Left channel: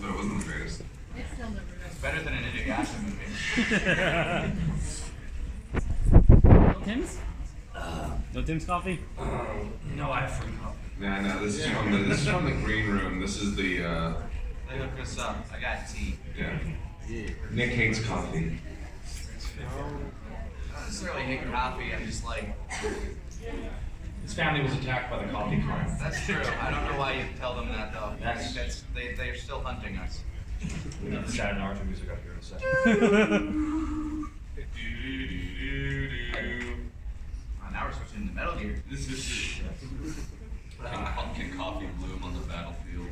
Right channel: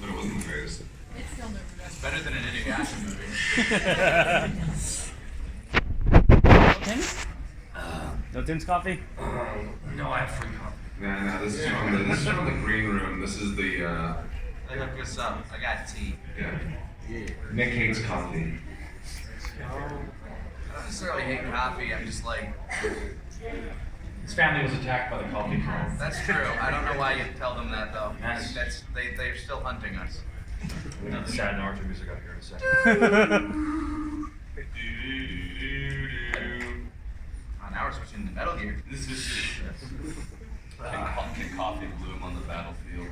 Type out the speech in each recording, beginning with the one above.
but it wasn't the greatest. It's better than an Inuyasha movie. No Tim's coffee? No, I have free coffee. No, this is from the green room. This is the They hooked us up. I got tea. yeah. Nick hates coffee. I don't necessarily hate coffee. I'm just like, His family was attacked by the coffee cone. that's true. I don't know why you tell them that though. I Yes. think they're still hunting us. We need the sad Naruto music up here in a second. Oh, now we're switching to Metal Gear. Can coffee bloom on the battlefield?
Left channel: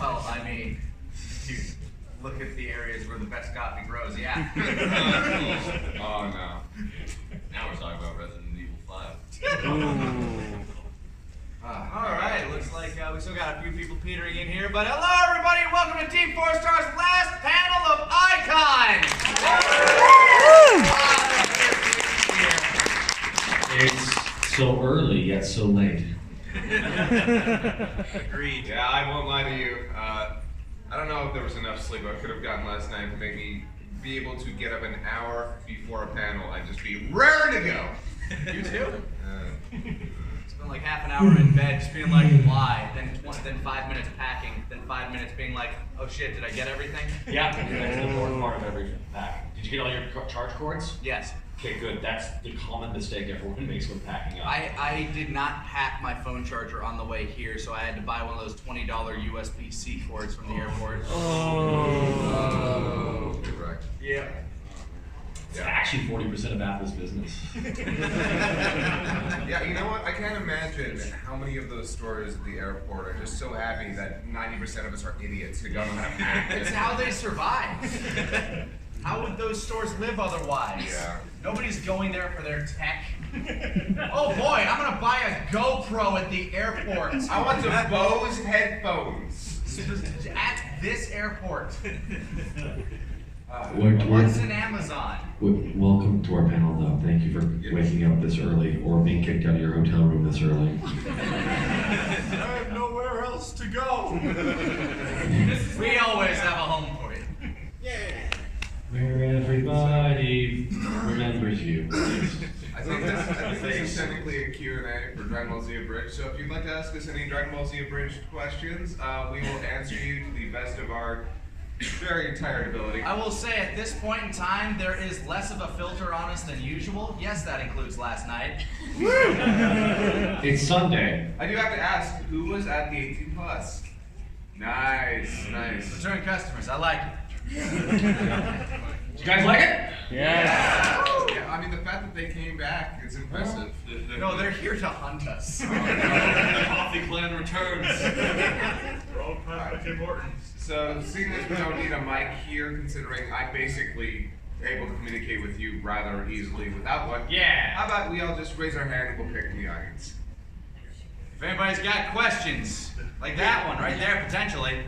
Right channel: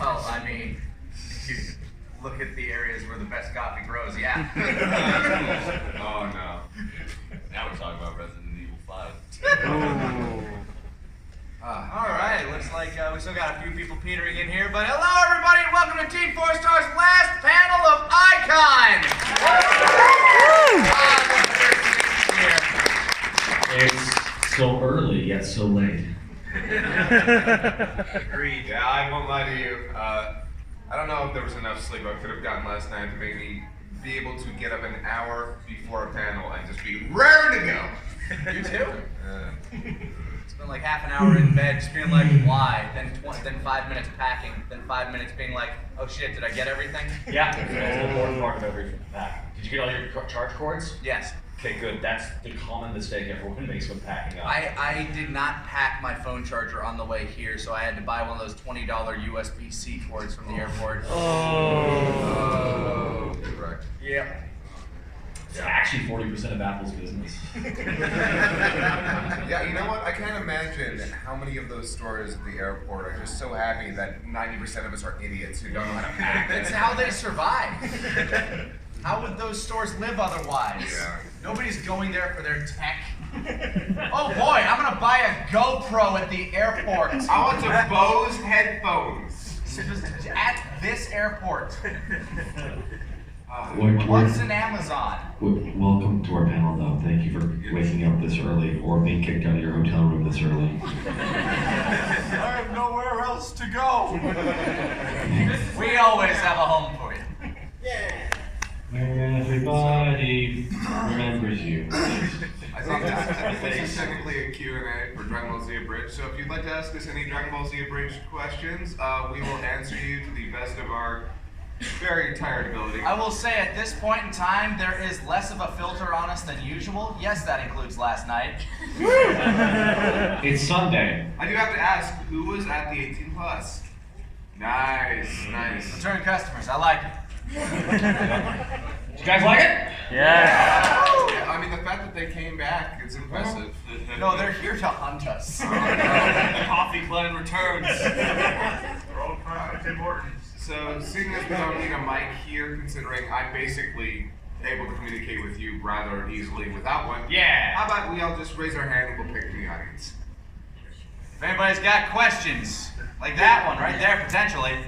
Well, I mean, if you look at the areas where the best coffee grows, yeah. Oh no. Now we're talking about Resident Evil 5. All right, looks like we still got a few people petering in here, but hello everybody, and welcome to Team 4 Star's last panel of AiKon! It's so early yet so late. Agreed. Yeah, I won't lie to you. I don't know if there was enough sleep I could have gotten last night to make me be able to get up an hour before a panel and just be ready to go. You too? It's been like half an hour in bed, just being like, why? Then 5 minutes packing, then 5 minutes being like, oh shit, did I get everything? Yeah, that's an important part of every pack. Did you get all your charge cords? Yes. Okay, good. That's the common mistake everyone makes when packing up. I did not pack my phone charger on the way here, so I had to buy one of those $20 USB-C cords from the airport. Oh, correct. Yeah. It's actually 40% of Apple's business. Yeah, you know what? I can't imagine how many of those stores at the airport are just so happy that 90% of us are idiots who don't know how to pack. It's how they survive. How would those stores live otherwise? Yeah. Nobody's going there for their tech. Oh boy, I'm gonna buy a GoPro at the airport. I want some Bose headphones. At this airport. Wait, What's an Amazon? Welcome to our panel, though. Thank you for waking up this early or being kicked out of your hotel room this early. I have nowhere else to go. We always have a home for you. Where everybody remembers you. I think this is technically a Q&A for Dragon Ball Z Abridged, so if you'd like to ask us any Dragon Ball Z Abridged questions, we will answer you to the best of our very tired ability. I will say at this point in time, there is less of a filter on us than usual. Yes, that includes last night. It's Sunday. I do have to ask, who was at the 18 plus? Nice. Return customers, I like it. Did you guys like it? Yeah. Yeah, I mean, the fact that they came back is impressive. No, they're here to hunt us. The coffee plan returns. Roll with Tim Hortons. So, seeing as we don't need a mic here, considering I'm basically able to communicate with you rather easily without one, Yeah. how about we all just raise our hand and we'll pick from the audience? If anybody's got questions, like that one right there, potentially.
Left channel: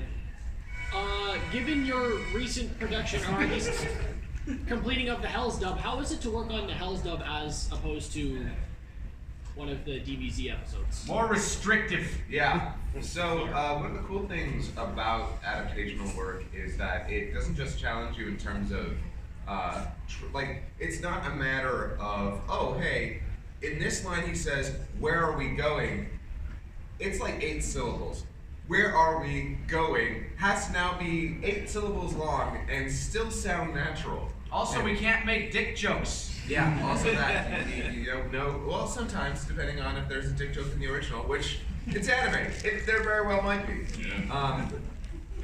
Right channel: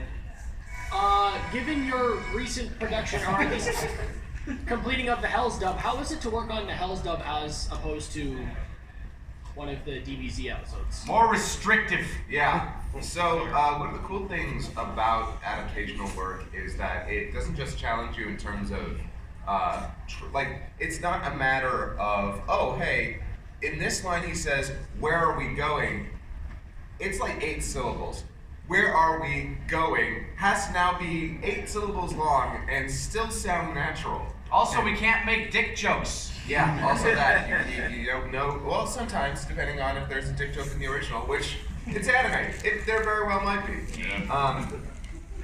Given your recent production, or at least completing of the Hell's Dub, how is it to work on the Hell's Dub as opposed to one of the DBZ episodes? More restrictive. Yeah. So one of the cool things about adaptational work is that it doesn't just challenge you in terms of like, it's not a matter of, oh hey, in this line he says, where are we going? It's like 8 syllables. Where are we going has to now be 8 syllables long and still sound natural. Also, we can't make dick jokes. Yeah, also that. You don't know. Well, sometimes, depending on if there's a dick joke in the original, which it's anime. There very well might be. Yeah.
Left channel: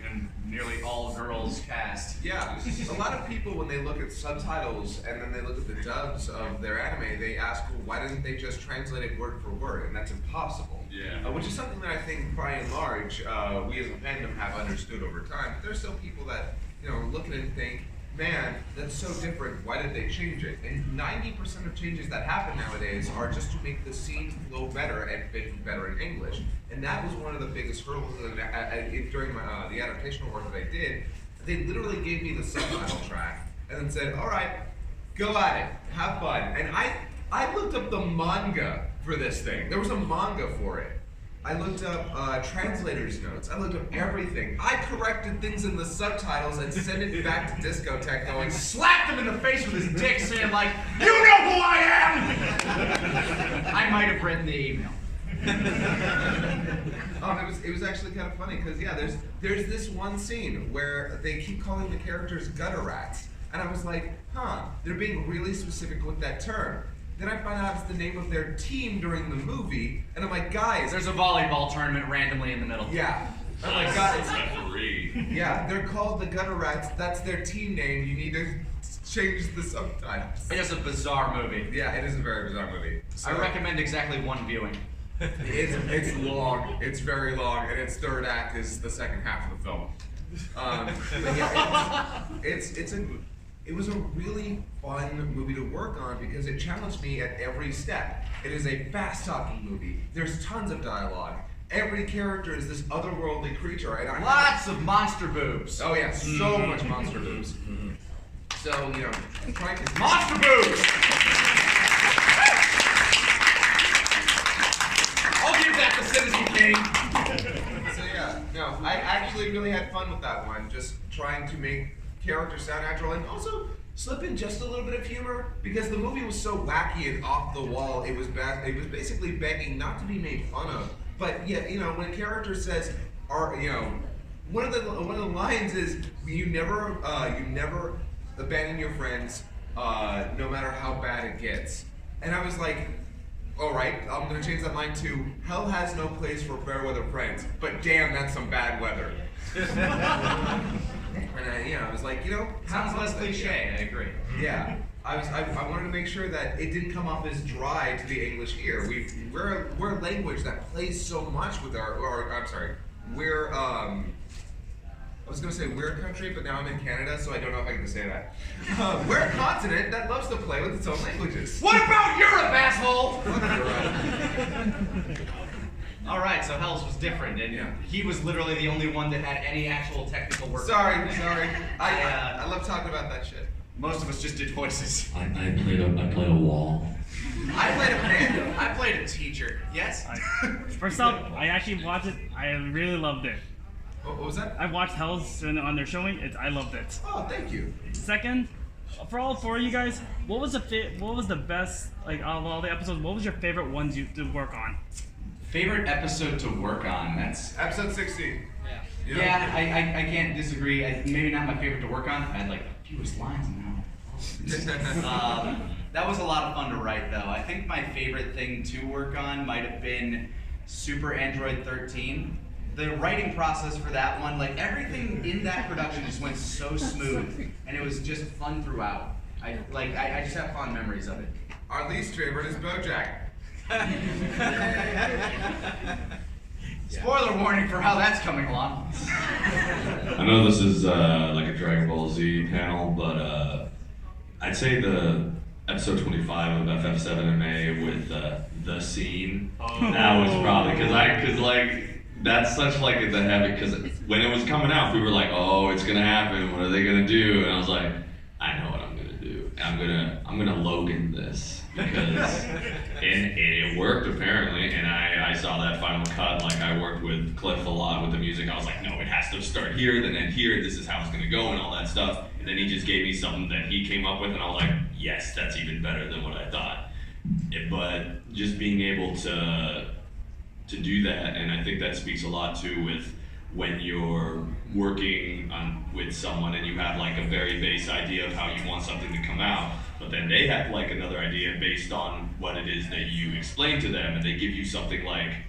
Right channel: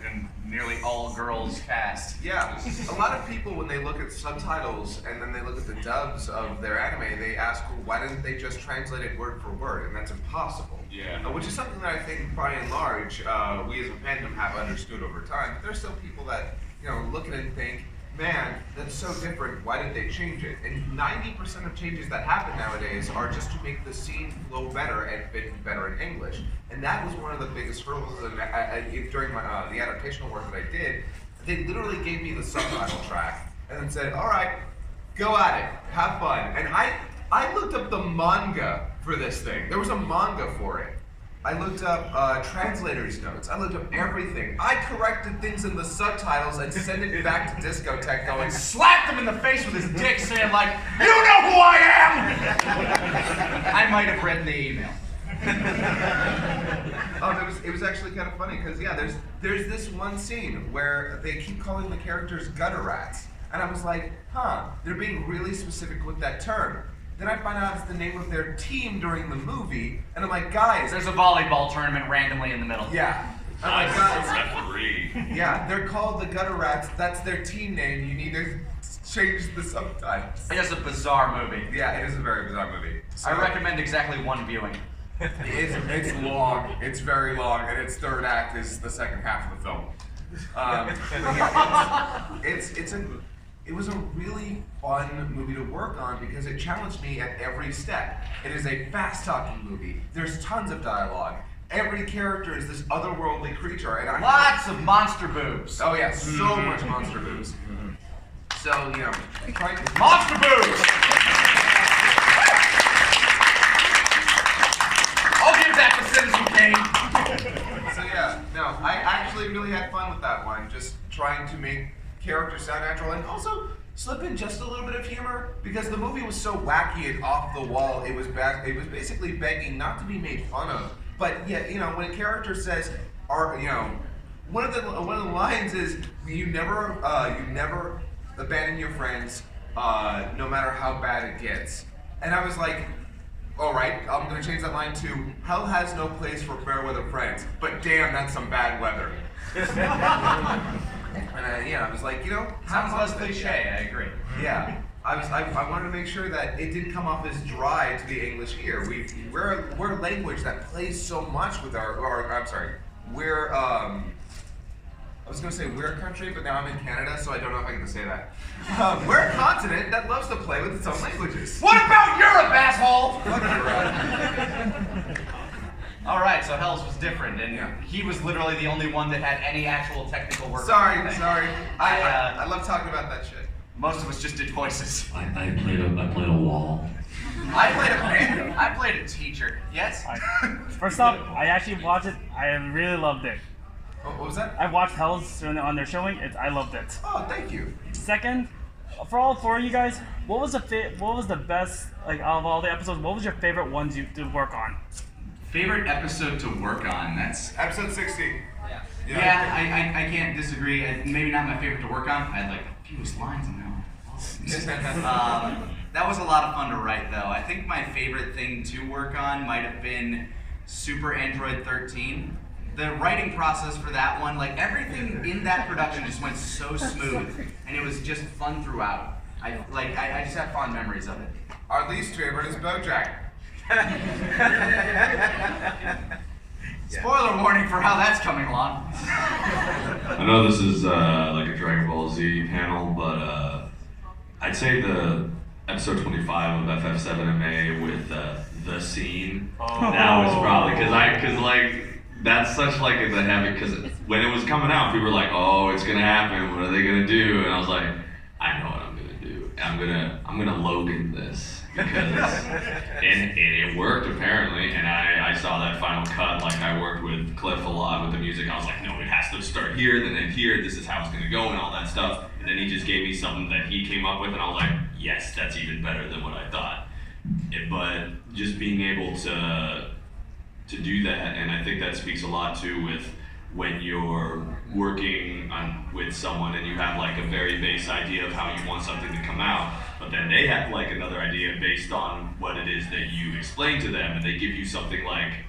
And nearly all girls cast. Yeah. A lot of people, when they look at subtitles and then they look at the dubs of their anime, they ask, well, why didn't they just translate it word for word? And that's impossible. Yeah. Which is something that I think, by and large, we as a fandom have understood over time. But there's still people that, look at it and think, man, that's so different, why did they change it? And 90% of changes that happen nowadays are just to make the scene flow better and fit better in English. And that was one of the biggest hurdles during the adaptational work that I did. They literally gave me the subtitle track and then said, all right, go at it, have fun. And I looked up the manga for this thing. There was a manga for it. I looked up translators' notes. I looked up everything. I corrected things in the subtitles and sent it back to Discotech going, Slapped him in the face with his dick, saying like, "You know who I am." I might have written the email. oh, it was actually kind of funny because yeah, there's this one scene where they keep calling the characters gutter rats, and I was like, they're being really specific with that term. Then I find out it's the name of their team during the movie, and I'm like, guys, There's a volleyball tournament randomly in the middle. yeah. I'm like, Nice. guys, Referee. yeah, they're called the Gutter Rats. That's their team name. You need to change the subtitles. It's just a bizarre movie. Yeah, it is a very bizarre movie. I recommend exactly one viewing. It's long. It's very long, and its third act is the second half of the film. But yeah, it was a really fun movie to work on because it challenged me at every step. It is a fast-talking movie. There's tons of dialogue. Every character is this otherworldly creature, and Lots of monster boobs. Oh yeah, so much monster boobs. So trying to Monster boobs! I'll give that to Citizen Kane. So yeah, no, I actually really had fun with that one. Just trying to make characters sound natural and also slip in just a little bit of humor because the movie was so wacky and off the wall. It was basically begging not to be made fun of. But yet, when a character says, one of the lines is, you never abandon your friends, no matter how bad it gets. And I was like, all right, I'm gonna change that line to, hell has no place for fair weather friends, but damn, that's some bad weather. And I was like, Sounds how less about that? cliche, I agree. Yeah, I wanted to make sure that it didn't come off as dry to the English ear. We're a language that plays so much with we're I was gonna say we're a country, but now I'm in Canada, so I don't know if I can say that. We're a continent that loves to play with its own languages. What about Europe, asshole? Fuck Europe. All right, so Hells was different, and Yeah. he was literally the only one that had any actual technical work. Sorry. I, I love talking about that shit. Most of us just did voices. I played a wall. I played a panda. I played a teacher. Yes. First off, I actually watched it. I really loved it. What was that? I watched Hells on their showing. I loved it. Oh, thank you. Second, for all four of you guys, what was the best out of all the episodes? What was your favorite ones you to work on? Favorite episode to work on? That's Episode 60. yeah. I can't disagree. Maybe not my favorite to work on. I had like the fewest lines in that. That was a lot of fun to write, though. I think my favorite thing to work on might have been Super Android 13. The writing process for that one, like everything in that production just went so smooth, and it was just fun throughout. I just have fond memories of it. Our least favorite is BoJack. Spoiler warning for how that's coming along. I know this is like a Dragon Ball Z panel, but I'd say the episode 25 of FF7MA with the scene. That was probably because that's such like the habit. Because when it was coming out, people were like, "Oh, it's gonna happen. What are they gonna do?" And I was like, "I know what I'm gonna do. I'm gonna Logan this." Because and it worked apparently, and I saw that final cut. Like I worked with Cliff a lot with the music. I was like, no, it has to start here, then end here. This is how it's gonna go, and all that stuff. And then he just gave me something that he came up with, and I was like, yes, that's even better than what I thought. But just being able to do that, and I think that speaks a lot too with when you're working with someone and you have like a very base idea of how you want something to come out, but then they have like another idea based on what it is that you explain to them, and they give you something like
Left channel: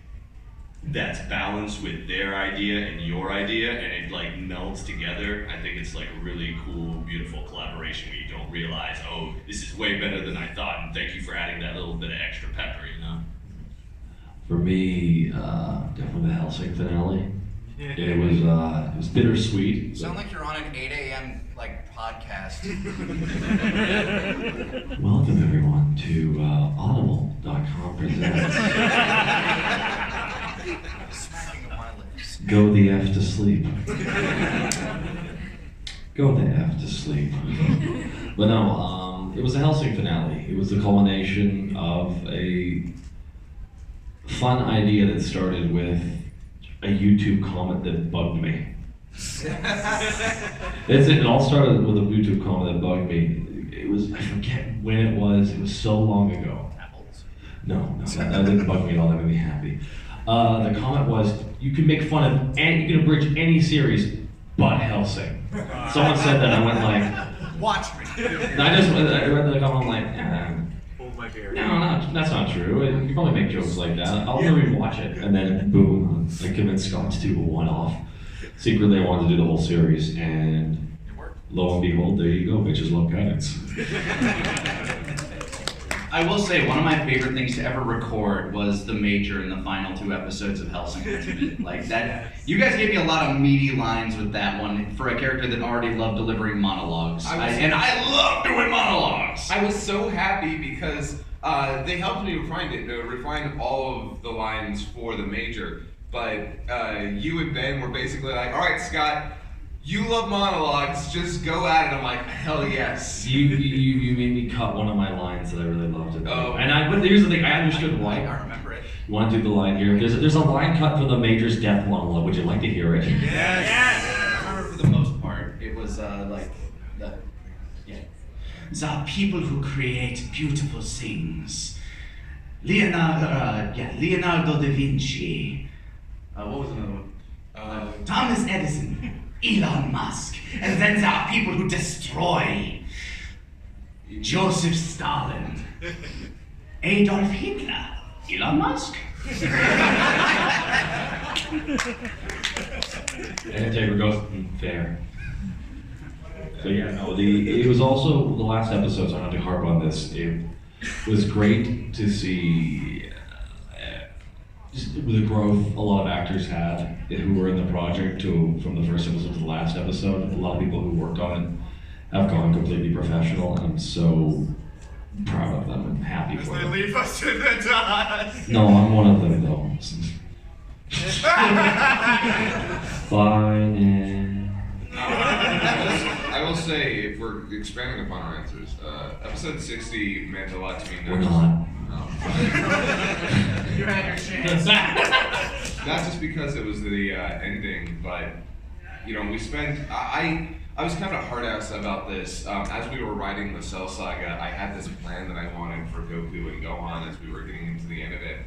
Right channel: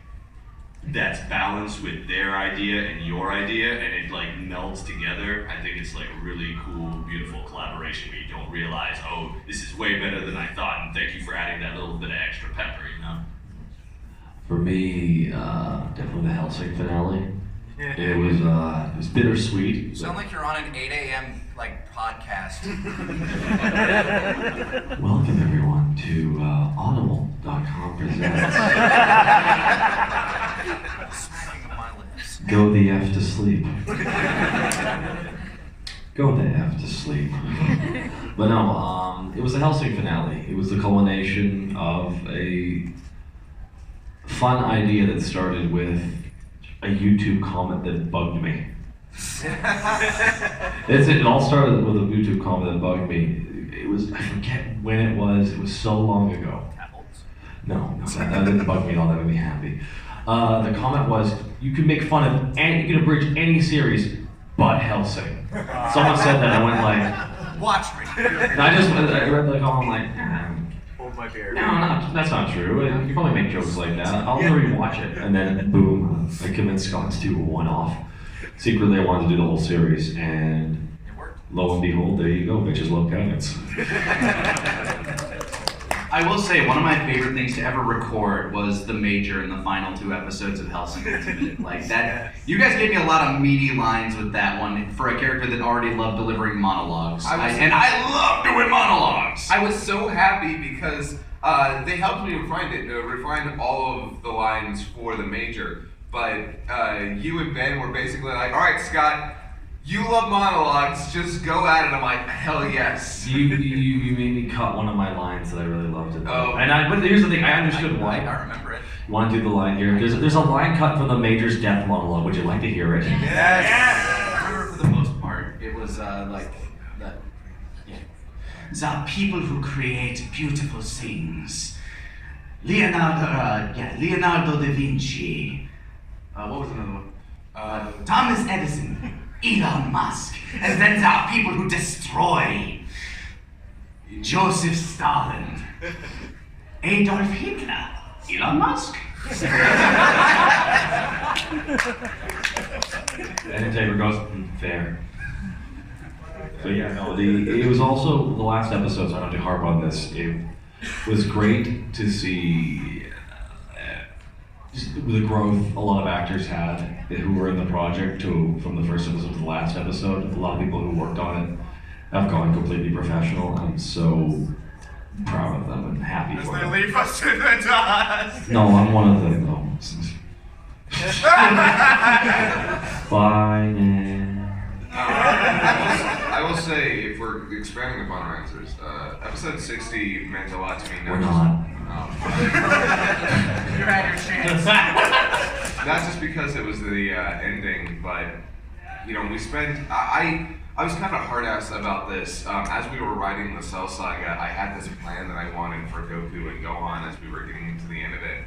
that's balanced with their idea and your idea, and it like melds together. I think it's like a really cool, beautiful collaboration where you don't realize, oh, this is way better than I thought, and thank you for adding that little bit of extra pepper, you know? For me, definitely the Hellsing finale. It was bittersweet. You sound like you're on an 8 a.m. podcast. Welcome everyone to Audible.com presents Smacking of my lips. Go the F to Sleep. Go the F to sleep. But no, it was a Hellsing finale. It was the culmination of a fun idea that started with a YouTube comment that bugged me. It all started with a YouTube comment that bugged me. It was, I forget when it was so long ago. No, that didn't bug me at all, that made me happy. The comment was, you can make fun of, you can abridge any series but Hellsing. Someone said that, and I went like, Watch me. and I read the comment, I'm like, Hold my beer. no, that's not true. You probably make jokes like that. I'll rewatch it. And then, boom, I convinced Scott to do a one-off. Secretly, I wanted to do the whole series, and It worked. lo and behold, there you go, bitches love cannons. I will say, one of my favorite things to ever record was the Major in the final 2 episodes of Hellsing Ultimate. Like that, you guys gave me a lot of meaty lines with that one for a character that already loved delivering monologues. And I love doing monologues. I was so happy because they helped me refine all of the lines for the Major. But you and Ben were basically like, all right, Scott, you love monologues, just go at it. I'm like, hell yes. You made me cut one of my lines that I really loved. Oh. But here's the thing, I understood why. I remember it. You want to do the line here? There's a line cut from the Major's death monologue. Would you like to hear it? Yes. I remember for the most part. It was like that. Yeah. The people who create beautiful things. Leonardo da Vinci. What was another one? Thomas Edison. Elon Musk. And then there are people who destroy. Joseph Stalin. Adolf Hitler. Elon Musk. And Tabor goes, fair. So yeah, no, it was also the last episode, so I don't have to harp on this. It was great to see just the growth a lot of actors had who were in the project from the first episode to the last episode. A lot of people who worked on it have gone completely professional. I'm so proud of them and happy for them. leave us in the dust. No, I'm one of them though. Fine. I will say, if we're expanding upon our answers, episode 60 meant a lot to me. We're not. You had your chance. Not just because it was the ending, but we spent. I was kind of hard-ass about this. As we were writing the Cell Saga, I had this plan that I wanted for Goku and Gohan as we were getting into the end of it.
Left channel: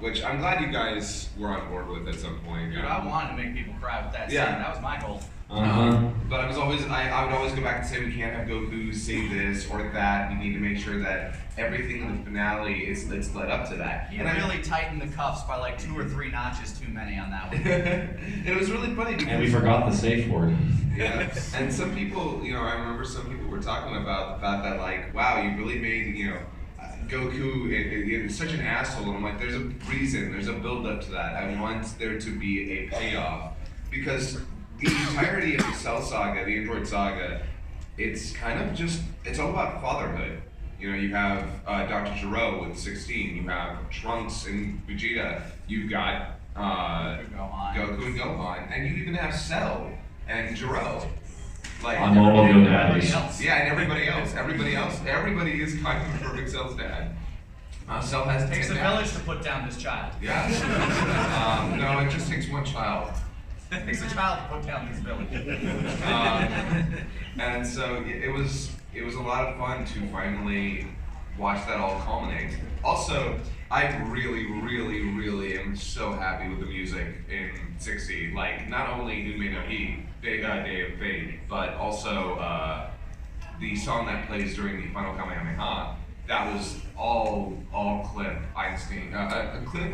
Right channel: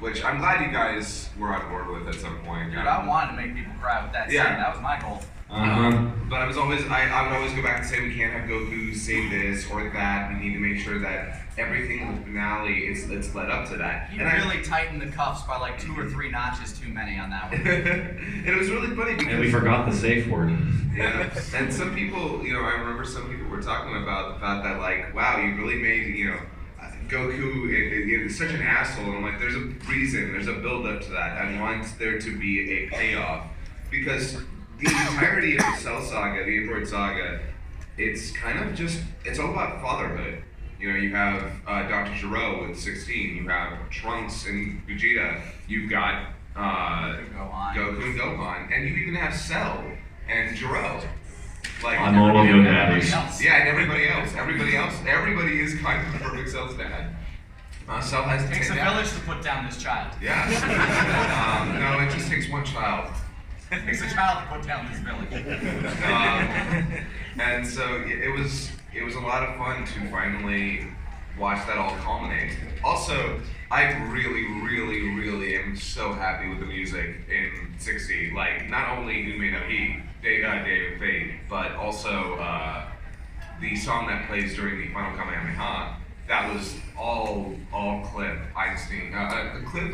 Which I'm glad you guys were on board with at some point. Dude, I wanted to make people cry with that scene. Yeah. That was my goal. But I would always go back and say we can't have Goku say this or that. We need to make sure that everything in the finale it's led up to that. He really tightened the cuffs by like 2 or 3 notches too many on that one. And it was really funny because And we forgot the safe word. Yeah, and some people, I remember some people were talking about the fact that like, wow, you really made Goku is such an asshole, and I'm like, there's a reason, there's a build up to that. I want there to be a payoff because the entirety of the Cell Saga, the Android Saga, it's kind of it's all about fatherhood. You have Dr. Gero with 16, you have Trunks and Vegeta, you've got Goku and Gohan, and you even have Cell and Gero. Like I'm all your daddies. Yeah, and everybody else. Everybody is kind of the perfect Cell's dad. Cell has It takes 10 a dads. village to put down this child. Yeah. No, it just takes one child. It takes a child to put down this village. And so it was a lot of fun to finally watch that all culminate. Also, I really, really, really am so happy with the music in 60. Like, not only Who May Know He, Day of Fate, but also the song that plays during the final Kamehameha. That was all Cliff Einstein. Cliff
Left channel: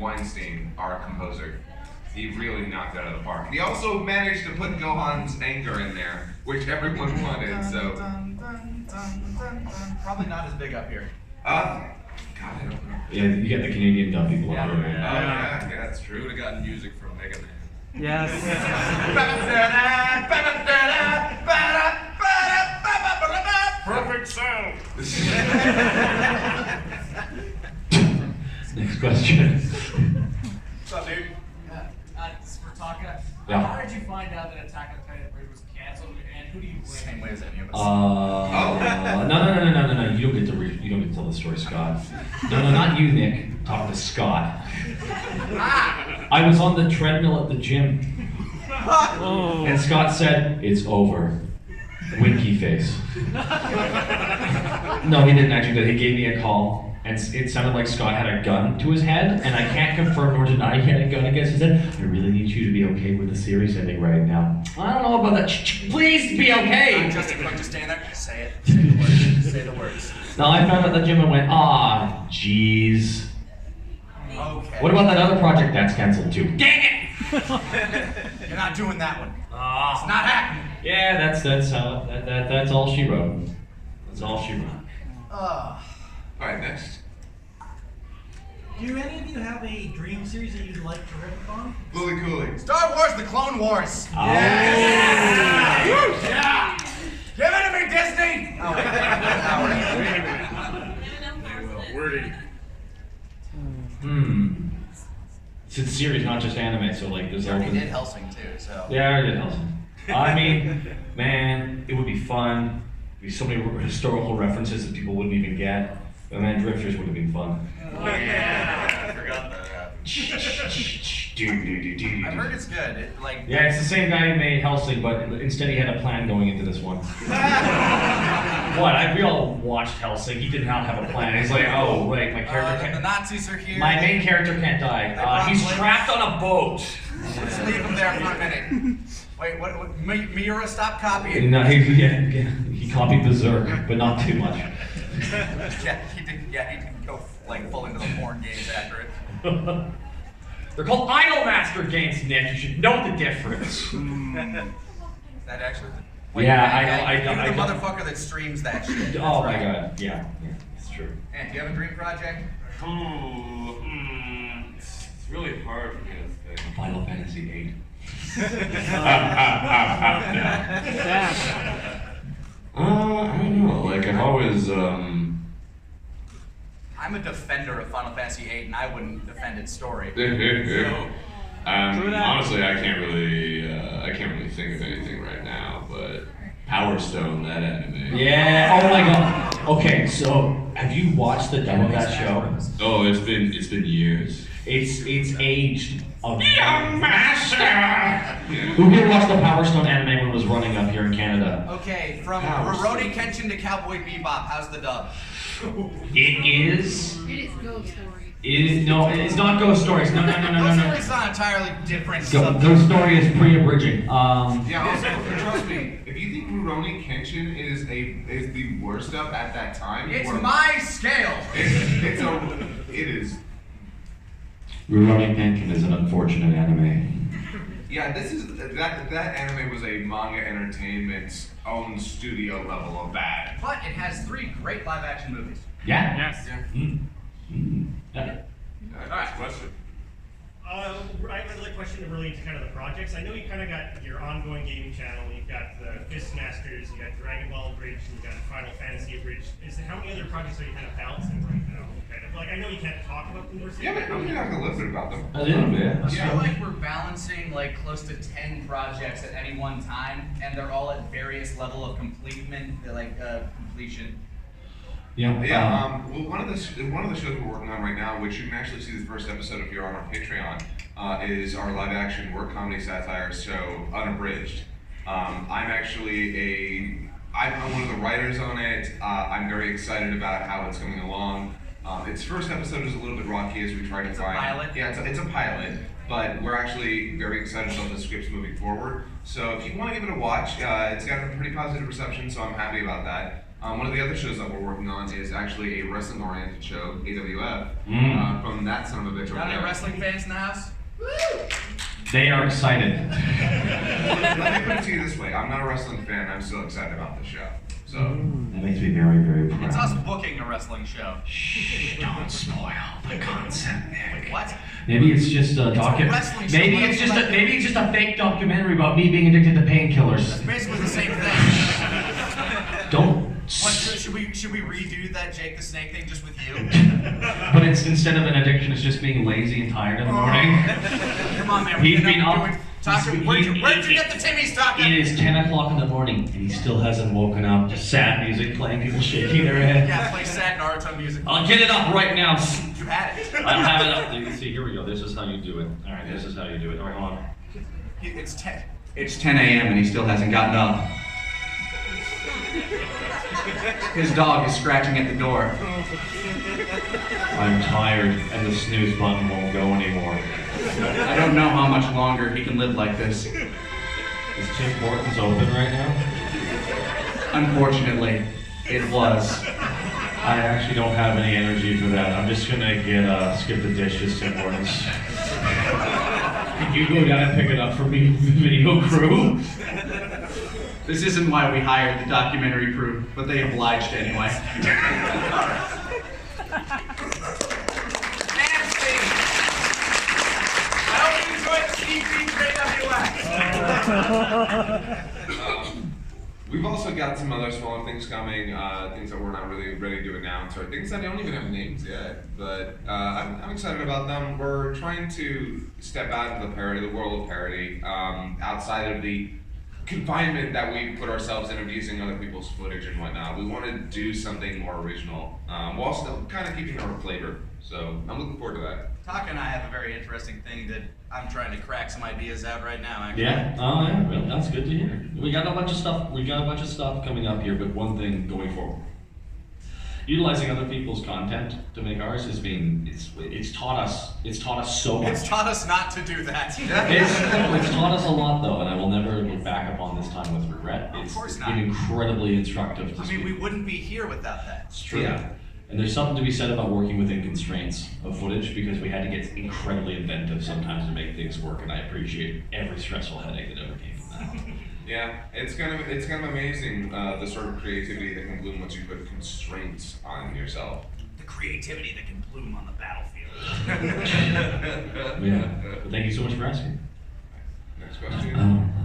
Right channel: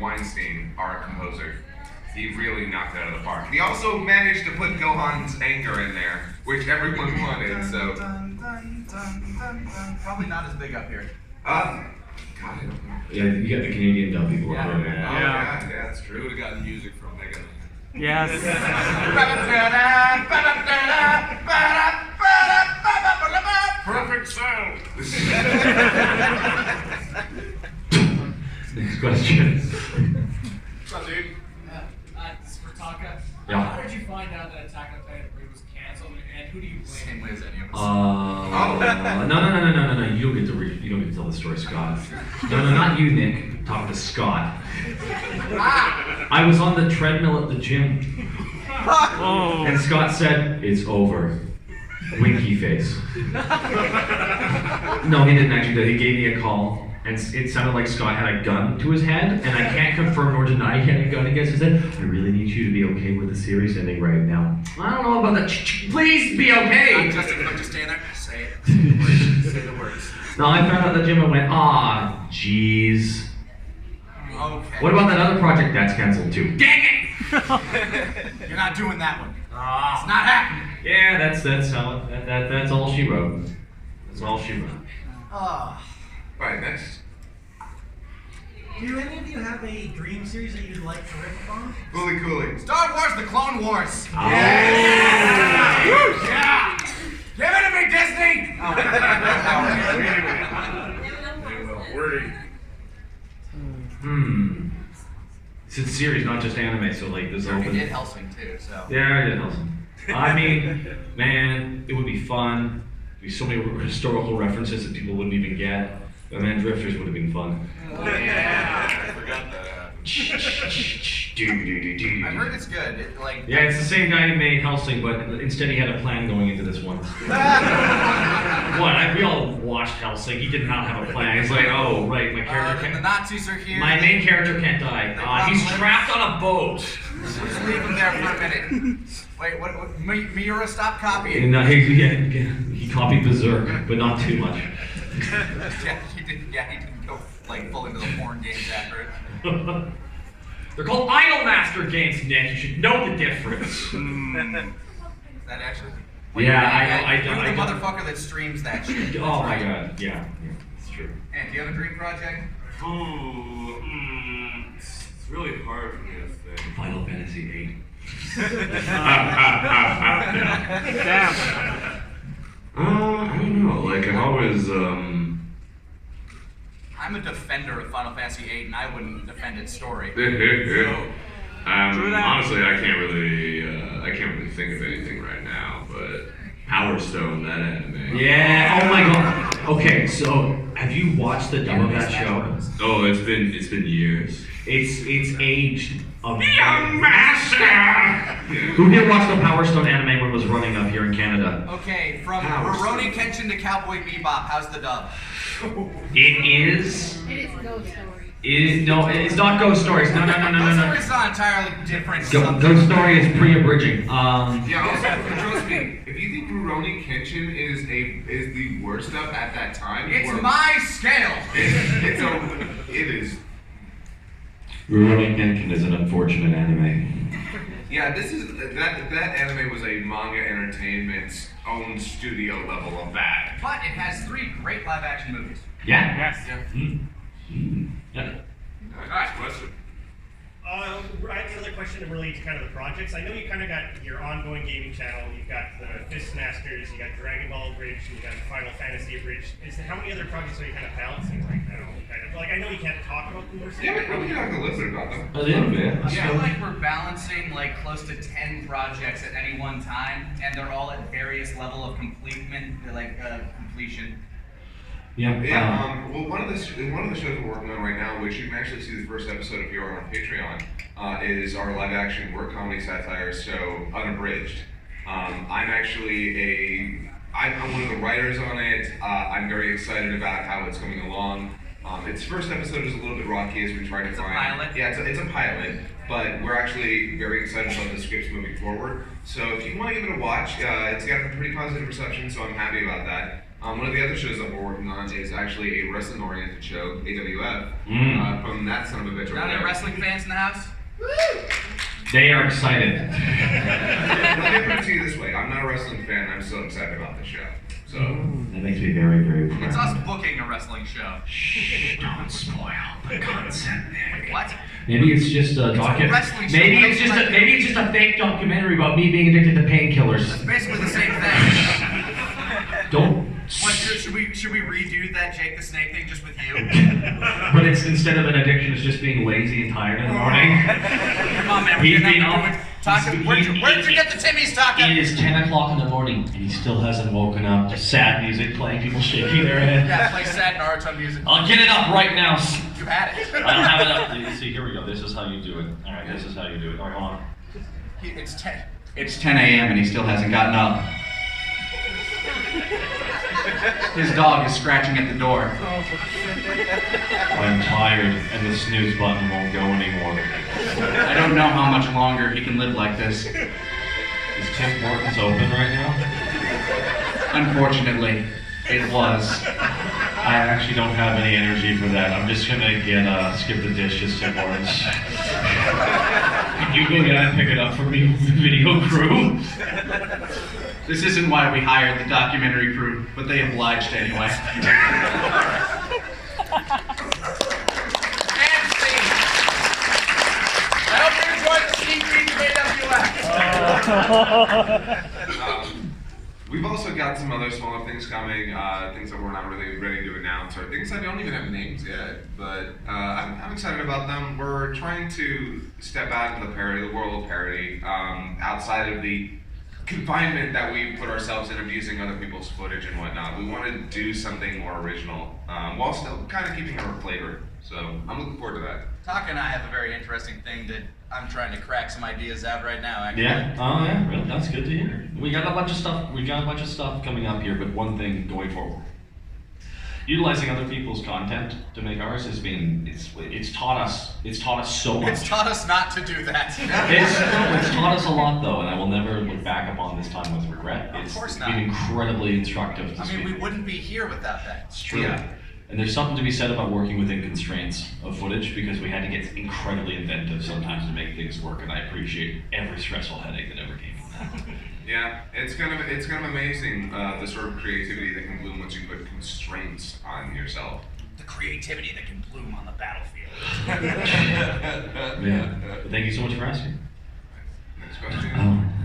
Weinstein, our composer. He really knocked it out of the park. He also managed to put Gohan's anger in there, which everyone wanted. So Probably not as big up here. God, I don't know. Yeah, you get the Canadian dumb people Yeah. up there. Yeah, that's We true. would have gotten music from Mega Man. Yes. Perfect sound. Next question. What's up, dude? This is for Taka. Yeah. How did you find out that Attack on Titan Bridge was canceled, and who do you blame? Same way as any of us. No. You don't get to you don't get to tell the story, Scott. No, not you, Nick. I'm talking to Scott. I was on the treadmill at the gym, and Scott said, "It's over." Winky face. No, he didn't actually. He gave me a call. And it sounded like Scott had a gun to his head, and I can't confirm nor deny he had a gun against his head. I really need you to be okay with the series ending right now. I don't know about that. Please be okay! Just stand there. Say it. Say the words. Say the words. No, I found out the gym and went, jeez. Okay. What about that other project that's canceled too? Dang it! You're not doing that one. It's not happening. Yeah, that's how that's all she wrote. That's all she wrote. Alright, next. Do any of you have a dream series that you'd like to rip upon? Fully Cooley. Star Wars: The Clone Wars. Yeah! Give it to me, Disney! Oh, They will. Wordy. It's a series, not just anime, so like there's You already open. did Helsing too, so. Yeah, I did Helsing. I mean, man, it would be fun. There'd be so many historical references that people wouldn't even get. But man, Drifters would have been fun. Yeah, I forgot that happened. I've heard it's good. Yeah, it's the same guy who made Helsing, but instead he had a plan going into this one. We all watched Helsing. He did not have a plan. He's like, oh, right, my character the Nazis are here. my main character can't die. He's trapped on a boat. Just leave him there for a minute. Wait, what? Miura, stop copying. No, he copied Berserk, but not too much. Yeah, he didn't go full into the porn games after it. They're called Idolmaster games, Nick. You should know the difference. Is that actually? I You're the motherfucker that streams that shit. Oh my god, yeah, it's true. And do you have a dream project? It's really hard for me to think. Final Fantasy VIII. I don't know. Like I've always I'm a defender of Final Fantasy VIII, and I wouldn't defend its story. honestly, I can't really think of anything right now. But Power Stone, that anime. Yeah. Oh my god. Okay, so have you watched the dub of that show? Oh, it's been years. It's aged a young master. Who here watched the Power Stone anime when it was running up here in Canada? Okay, from Rurouni Kenshin to Cowboy Bebop, how's the dub? It is. It is Ghost Story. It's not Ghost Stories. No. Ghost Story's not entirely different. Ghost Story is pre-abridging. Yeah, also, trust me, if you think Rurouni Kenshin is the worst of at that time, It's my scale. It is. Rurouni Kenshin is an unfortunate anime. Yeah, that anime was a manga entertainment's own studio level of bad. But it has 3 great live-action movies. Yeah. Yes. Yeah. Nice question. I have another question to relate to kind of the projects. I know you kind of got your ongoing gaming channel. You've got the Fistmasters, you got Dragon Ball Bridge, and you got Final Fantasy Bridge. How many other projects are you kind of balancing right now? Kind of I know you can't talk about them per se. Yeah, but we can talk a little bit about them. A little bit. I feel like we're balancing close to 10 projects at any one time, and they're all at various level of completion. Yeah. Yeah. Well, one of the shows we're working on right now, which you can actually see the first episode if you're on our Patreon, is our live-action work comedy satire show, Unabridged. I'm one of the writers on it. I'm very excited about how it's coming along. Its first episode is a little bit rocky as we try to find. It's a pilot. Yeah, it's a pilot, but we're actually very excited about the scripts moving forward. So if you want to give it a watch, it's got a pretty positive reception, so I'm happy about that. One of the other shows that we're working on is actually a wrestling-oriented show, AWF, from that son of a bitch. Got any wrestling fans in the house? They are excited. Let me put it to you this way: I'm not a wrestling fan. I'm still excited about this show. So that makes me very, very proud. It's us booking a wrestling show. Shh! Don't spoil the concept, Nick. What? Maybe it's just a Maybe it's just a fake documentary about me being addicted to painkillers. That's basically the same thing. Don't. What, should we redo that Jake the Snake thing just with you? But it's instead of an addiction, it's just being lazy and tired in the morning. Come on, man. He's We're being not off. Talking. Where'd you get the Timmies talking? It is 10 o'clock in the morning and he still hasn't woken up. Just sad music playing, people shaking their head. Yeah, play sad Naruto music. I'll get it up right now. You had it. I don't have it up. You see, here we go. This is how you do it. All right, this is how you do it. All right, hold on. It's 10. It's 10 a.m. and he still hasn't gotten up. His dog is scratching at the door. I'm tired and the snooze button won't go anymore. I don't know how much longer he can live like this. Is Tim Hortons open right now? Unfortunately, it was. I actually don't have any energy for that. I'm just gonna get skip the dishes, Tim Hortons. Can you go down and pick it up for me, video crew? This isn't why we hired the documentary crew, but they obliged anyway. Alright. And scene. I hope you enjoyed the sneak peek of AWS. We've also got some other smaller things coming, things that we're not really ready to announce, or things that don't even have names yet. But I'm excited about them. We're trying to step out into the world of parody, outside of the confinement that we put ourselves in of using other people's footage and whatnot. We want to do something more original, while still kind of keeping our flavor. So I'm looking forward to that. Taka and I have a very interesting thing that I'm trying to crack some ideas out right now, actually. Yeah. Oh yeah. Really? That's good to hear. We got a bunch of stuff. We got a bunch of stuff coming up here, but one thing going forward. Utilizing other people's content to make ours has been it's taught us so much. It's taught us not to do that. It's taught us a lot though, and I will never look back upon this time with regret. Of course not. Been incredibly instructive. I mean, we wouldn't be here without that. It's true. Yeah. And there's something to be said about working within constraints of footage because we had to get incredibly inventive sometimes to make things work, and I appreciate every stressful headache that ever came from that. Yeah, it's kind of amazing the sort of creativity that can bloom once you put constraints on yourself. The creativity that can bloom on the battlefield. Yeah. But thank you so much for asking. Next question.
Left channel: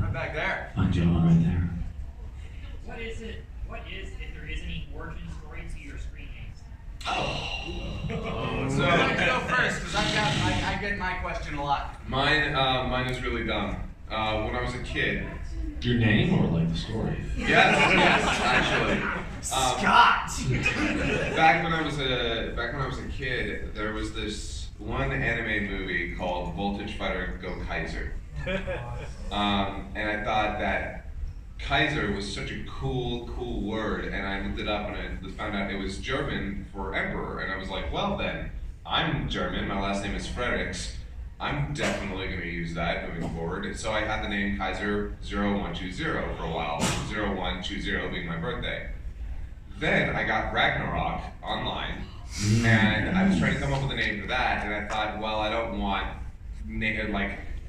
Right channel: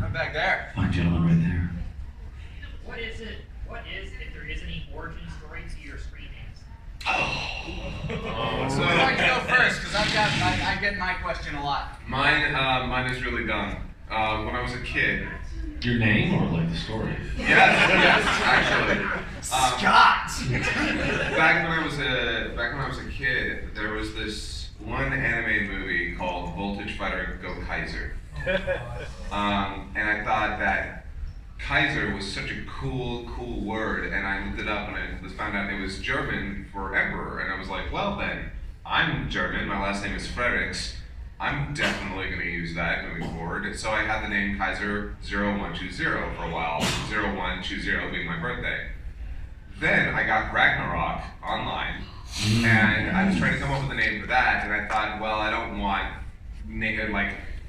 I'm back there. Fine gentleman right there. What is, if there is any origin story to your screen names? So I'd like to go first because I get my question a lot. Mine is really dumb. When I was a kid. Your name or like the story? Yes, actually. Scott. Back when I was a kid, there was this one anime movie called Voltage Fighter Go Kaiser, and I thought that Kaiser was such a cool word, and I looked it up and I found out it was German for emperor, and I was like, well then, I'm German. My last name is Fredericks. I'm definitely going to use that moving forward. So I had the name Kaiser 0120 for a while, 0120 being my birthday. Then I got Ragnarok online, and I was trying to come up with a name for that, and I thought, well, I don't want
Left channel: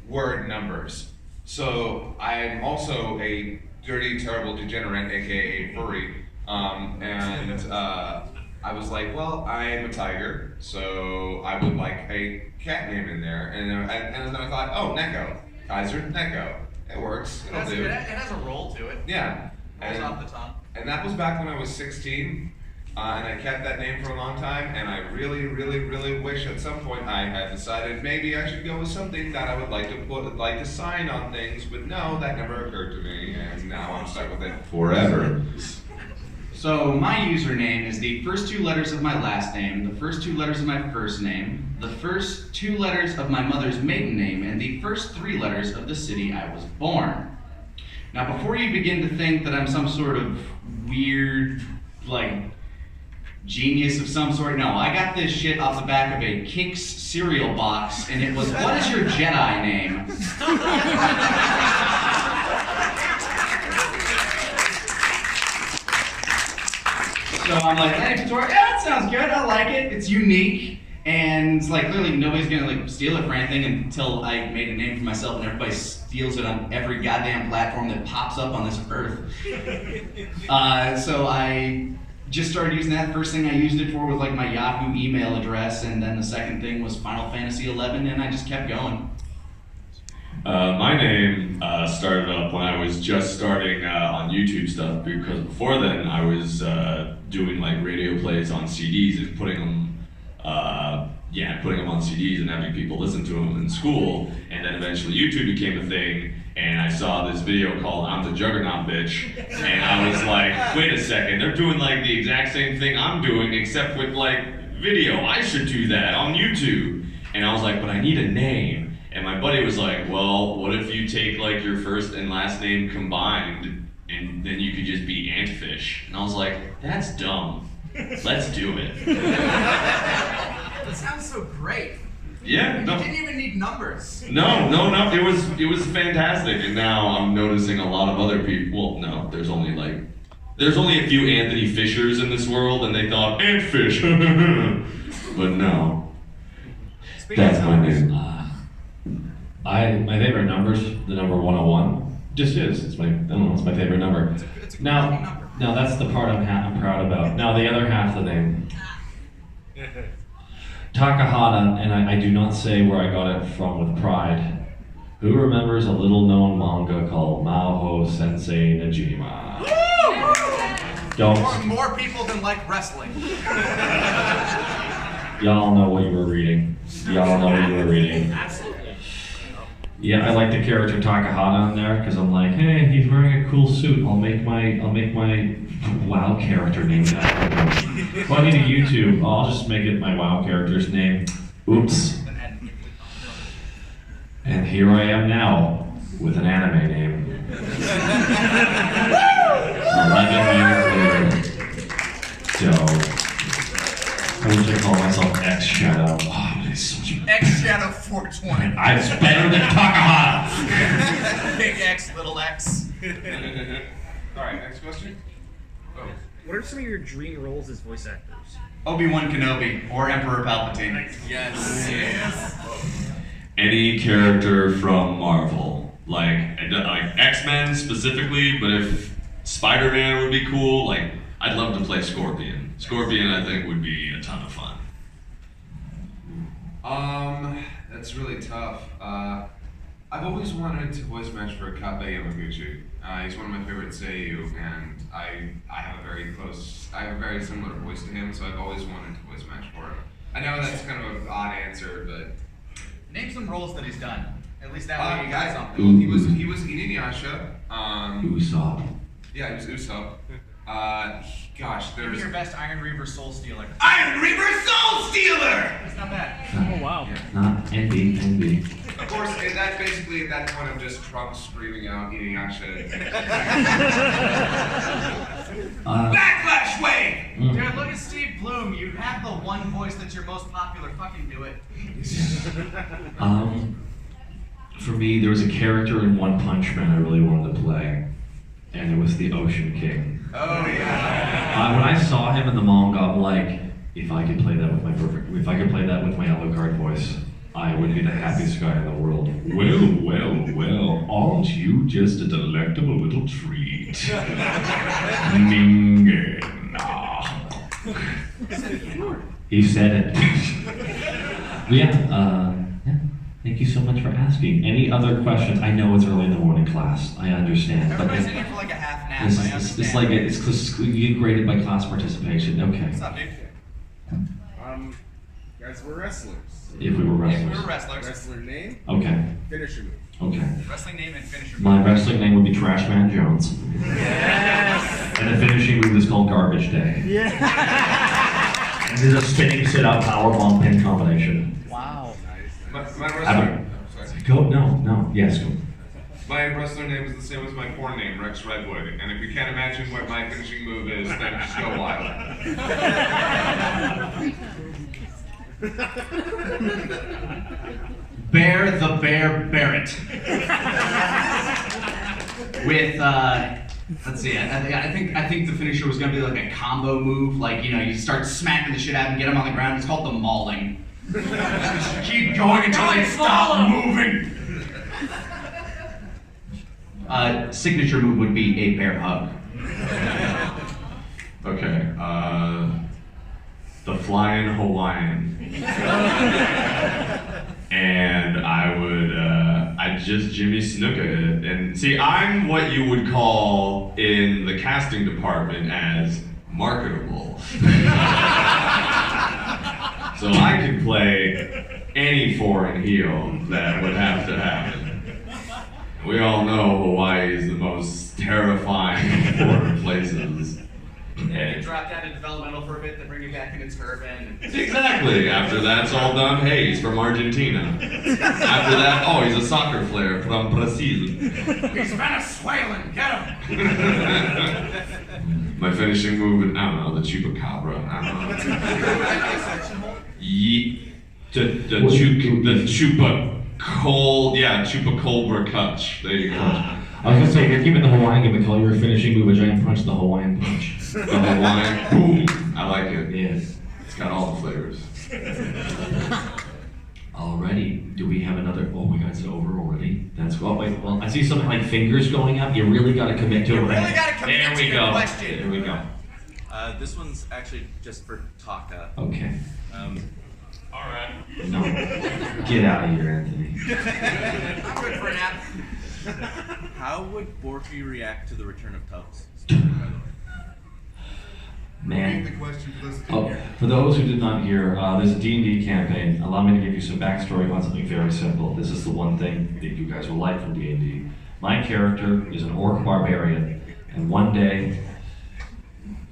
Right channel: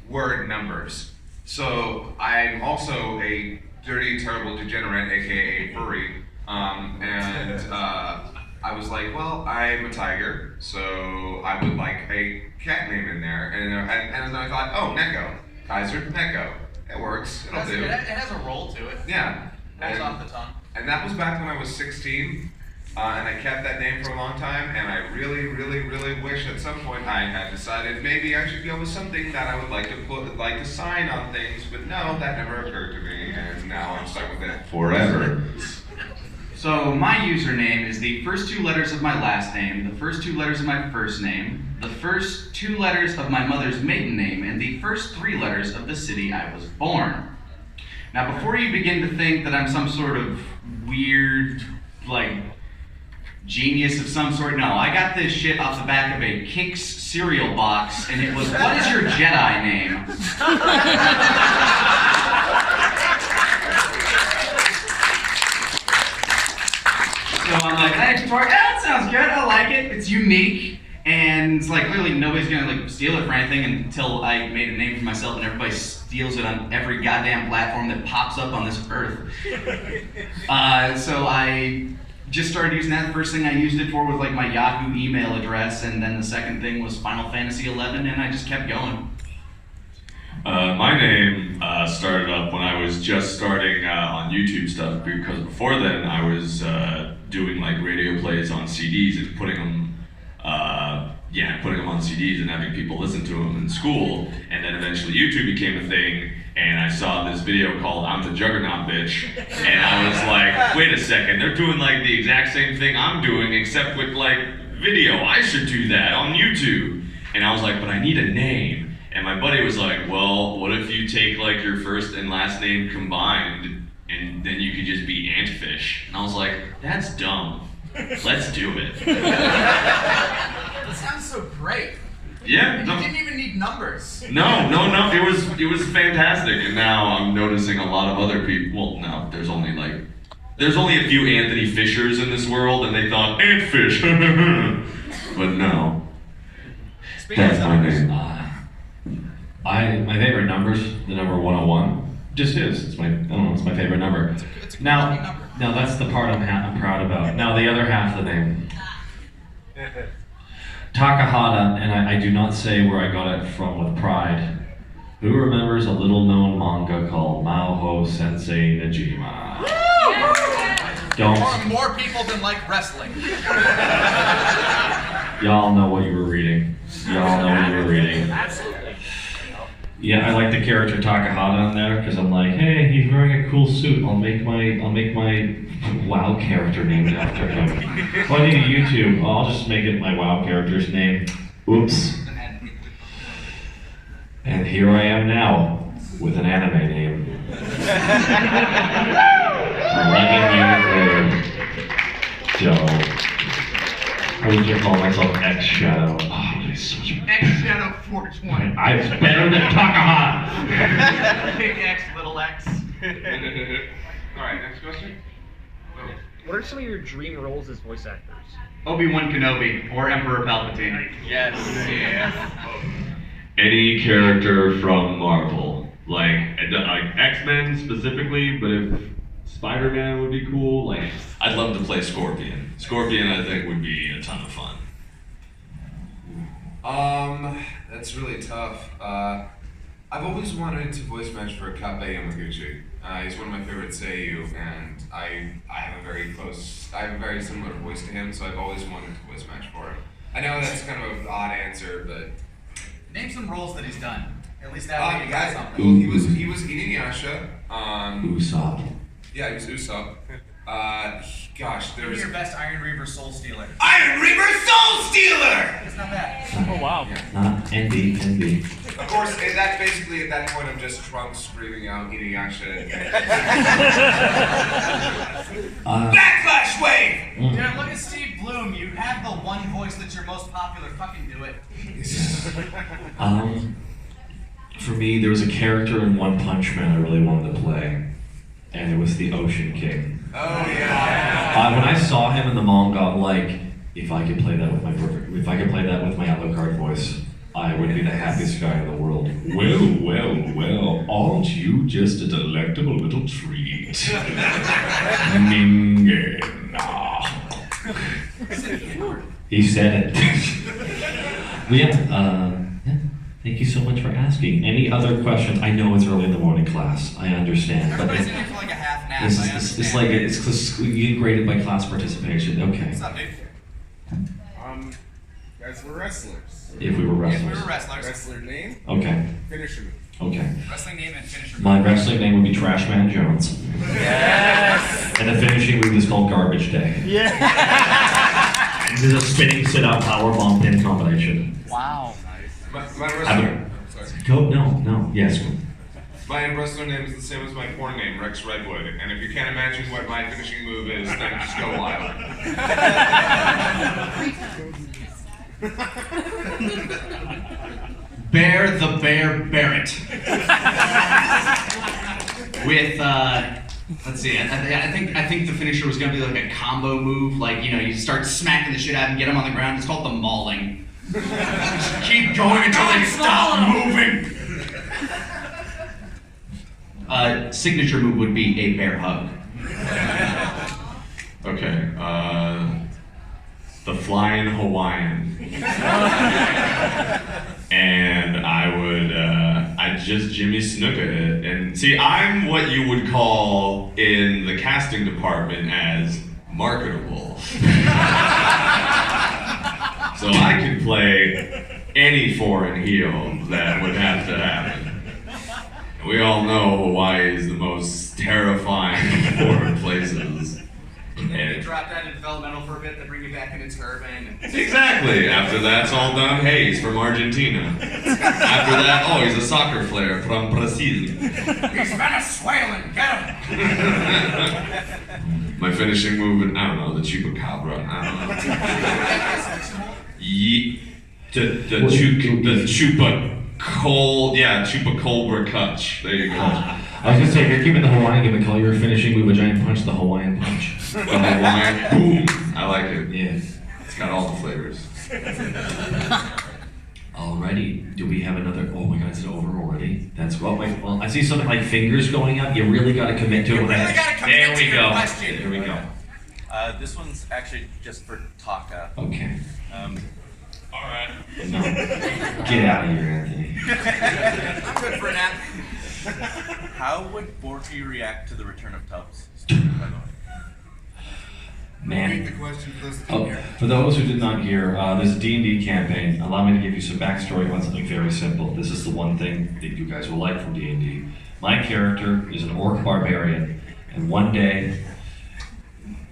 word numbers. So I'm also a dirty, terrible degenerate, aka furry, and I was like, well, I'm a tiger, so I would like a cat name in there, and then I thought, oh, Neko, Kaiser Neko, it works, it'll do. It has a roll to it. Yeah. Rolls off the tongue. And that was back when I was 16, and I kept that name for a long time, and I really, really, really wish at some point I had decided maybe I should go with something that I would like to sign on things, but no, that never occurred to me, and now I'm stuck with it forever. So my username is the first two letters of my last name, the first two letters of my first name, the first two letters of my mother's maiden name, and the first three letters of the city I was born. Now before you begin to think that I'm some sort of weird, genius of some sort, no, I got this shit off the back of a Kix cereal box, and it was, what is your Jedi name? So I'm like, hey, Victoria, that sounds good, I like it, it's unique, and it's clearly nobody's gonna steal it for anything until I made a name for myself and everybody steals it on every goddamn platform that pops up on this earth. So I just started using that. The first thing I used it for was my Yahoo email address, and then the second thing was Final Fantasy 11, and I just kept going. My name started up when I was just starting on YouTube stuff, because before then I was doing radio plays on CDs and putting them yeah, putting them on CDs and having people listen to them in school. And then eventually YouTube became a thing, and I saw this video called "I'm the Juggernaut Bitch," and I was like, wait a second, they're doing like the exact same thing I'm doing, except with like video. I should do that on YouTube. And I was like, but I need a name. And my buddy was like, well, what if you take like your first and last name combined, and then you could just be Antfish? And I was like, that's dumb. Let's do it. That sounds so great. Yeah. And you didn't even need numbers. No. It was fantastic. And now I'm noticing a lot of other people. Well, no, there's only a few Anthony Fishers in this world, and they thought Antfish. But no. Speaking That's of my numbers, name. My favorite number's the number 101. Just is. It's my favorite number. it's a Now, lucky number. now that's the part I'm proud about. Now the other half of the name. Takahata, and I do not say where I got it from with pride. Who remembers a little known manga called Maho Sensei Najima? Don't. More people than like wrestling. Y'all know what you were reading. Absolutely. Yeah, I like the character Takahata on there because I'm like, hey, he's wearing a cool suit. I'll make my WoW character named after him. Well, I need a YouTube. I'll just make it my WoW character's name. Oops. And here I am now with an anime name. 11 years later. Dope. I wish I called myself X Shadow. Oh, it's such a X Shadow 420. I'm better than Takahata. Big X, little X. Alright, next question. Oh. What are some of your dream roles as voice actors? Obi-Wan Kenobi or Emperor Palpatine. Yes. Any character from Marvel, like X-Men specifically, but if Spider-Man would be cool, like I'd love to play Scorpion. Scorpion, I think, would be a ton of fun. That's really tough. I've always wanted to voice match for Kabe Yamaguchi. He's one of my favorite seiyuu, and I have a very similar voice to him, so I've always wanted to voice match for him. I know that's kind of an odd answer, but Name some roles that he's done. At least that way you got something. Well, he was Inuyasha. Usopp. Yeah, he was Usopp. Gosh, there Give me was your best Iron Reaver Soul Stealer. Iron Reaver Soul Stealer. That's not bad. Oh wow. Not Envy. Of course, that's basically at that point I'm just Trunks screaming out Inuyasha. Backlash wave! Dude, look at Steve Bloom. You have the one voice that's your most popular. Fucking do it. For me, there was a character in One Punch Man I really wanted to play, and it was the Ocean King. Oh yeah. When I saw him in the manga, I'm like, if I could play that with my Alucard voice, I would be the happiest guy in the world. Well, aren't you just a delectable little treat? He said it. Thank you so much for asking. Any other questions? I know it's early in the morning, class. I understand. Everybody's in here for like a half nap. I understand. It's you get graded by class participation. Okay. What's up, dude? Guys, we're wrestlers. If we were wrestlers. If we were wrestlers. Wrestler name? Okay. Finisher move. Okay. Wrestling name and finisher move. My wrestling name would be Trashman Jones. Yes. And the finishing move is called Garbage Day. Yeah. This is a spinning sit-out power bomb pin combination. Wow. My wrestler. Yes. My wrestler name is the same as my porn name, Rex Redwood. And if you can't imagine what my finishing move is, then just go wild. Bear the Bear Barrett. With let's see, I think the finisher was gonna be like a combo move, like you start smacking the shit out and get him on the ground. It's called the mauling. Just keep going until they stop moving. Signature move would be a bear hug. Okay, the Flying Hawaiian. And I'd just Jimmy Snuka it. And see, I'm what you would call in the casting department as marketable. So I could play any foreign heel that would have to happen. We all know Hawaii is the most terrifying of foreign places. Yeah, you drop that in developmental for a bit, then bring it back in its urban. Exactly. After that's all done, hey, he's from Argentina. After that, oh, he's a soccer player from Brazil. He's Venezuelan, get him! My finishing move, I don't know, the chupacabra. I don't know. The chupacabra clutch. There you go. I was gonna say, if you're keeping the Hawaiian gimmick, call your finishing move a giant punch, the Hawaiian punch. The Hawaiian boom. I like it. Yeah. It's got all the flavors. Alrighty, do we have another? Oh my God, is it over already? That's well. Wait, well, I see something like fingers going up. You really got to commit to it. You really got to commit there to we your go. question. Here we go. This one's actually just for Taka. Okay. All right. No. Get out of here, Anthony. I'm good for a nap. How would Borky react to the return of Tubbs? Man. The question for those Oh, for those who did not hear, there's a D&D campaign. Allow me to give you some backstory on something very simple. This is the one thing that you guys will like from D&D. My character is an orc barbarian, and one day,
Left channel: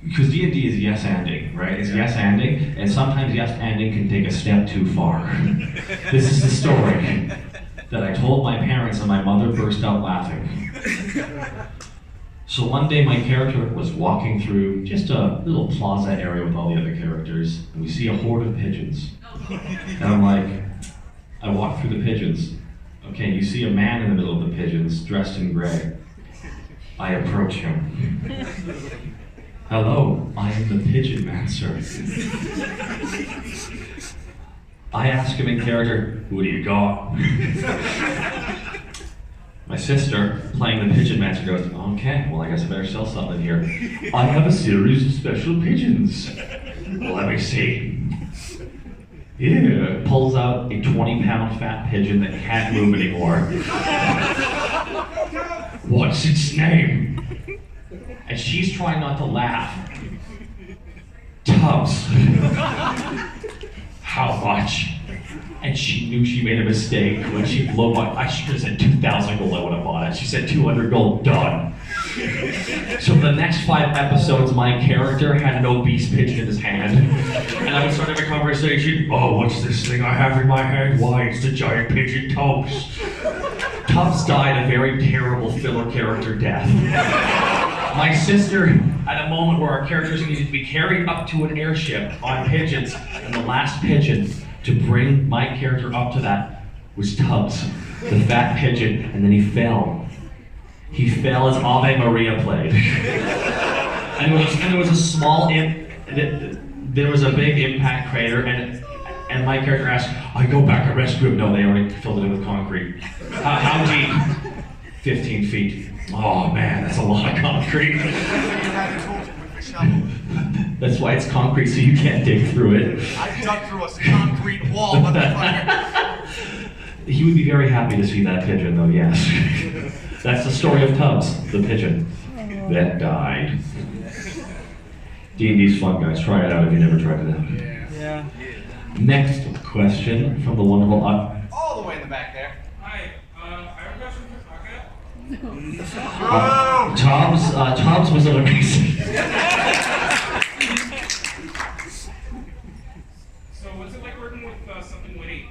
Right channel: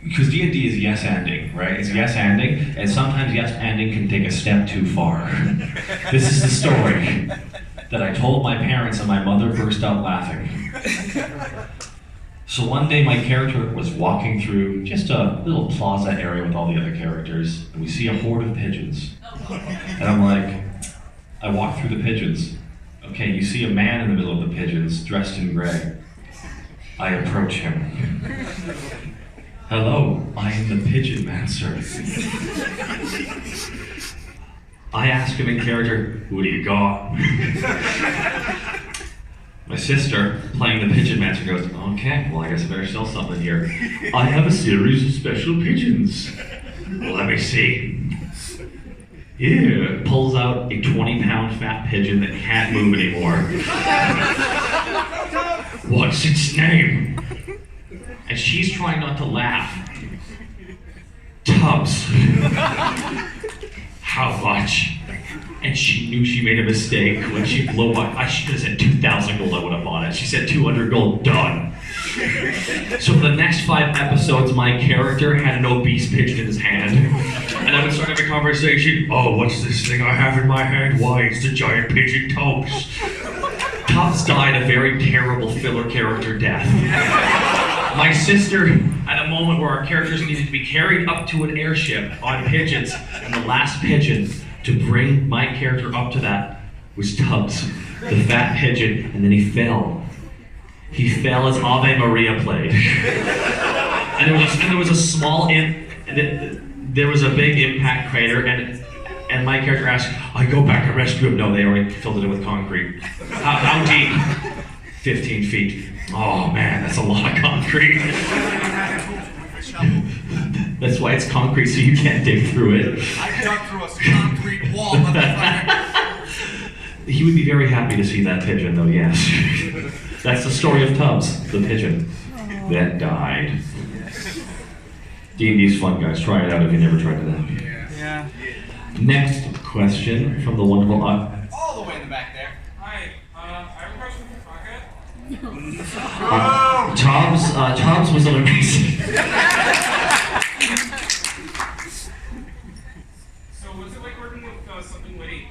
because D&D is yes-anding, right? It's yes-anding, and sometimes yes-anding can take a step too far. This is the story that I told my parents, and my mother burst out laughing. So one day my character was walking through just a little plaza area with all the other characters, and we see a horde of pigeons. And I'm like, I walk through the pigeons. Okay, you see a man in the middle of the pigeons, dressed in gray. I approach him. Hello, I am the Pigeon Mancer. I ask him in character, what do you got? My sister, playing the Pigeon Mancer, goes, okay, well I guess I better sell something here. I have a series of special pigeons. Well, let me see. Here, pulls out a 20-pound fat pigeon that can't move anymore. What's its name? And she's trying not to laugh. Tubbs. How much? And she knew she made a mistake when she blew my. I should have said 2,000 gold. I would have bought it. She said 200 gold. Done. So for the next 5 episodes, my character had an obese pigeon in his hand, and I would start having a conversation. Oh, what's this thing I have in my hand? Why, it's the giant pigeon Tubbs. Tubbs died a very terrible filler character death. My sister, at a moment where our characters needed to be carried up to an airship on pigeons, and the last pigeon to bring my character up to that was Tubbs, the fat pigeon, and then he fell. He fell as Ave Maria played. And there was a small there was a big impact crater, and my character asked, I go back and rescue him. No, they already filled it in with concrete. How deep? 15 feet. Oh man, that's a lot of concrete. That's why it's concrete, so you can't dig through it. I dug through a concrete wall, motherfucker. He would be very happy to see that pigeon, though, yes. That's the story of Tubbs, the pigeon that died. D&D's fun, guys. Try it out if you never tried it out. Yeah. Next question from the wonderful... All the way in the back there. Hi, I have a question for Taka. Tubbs was amazing. So what's it like working with Something Witty?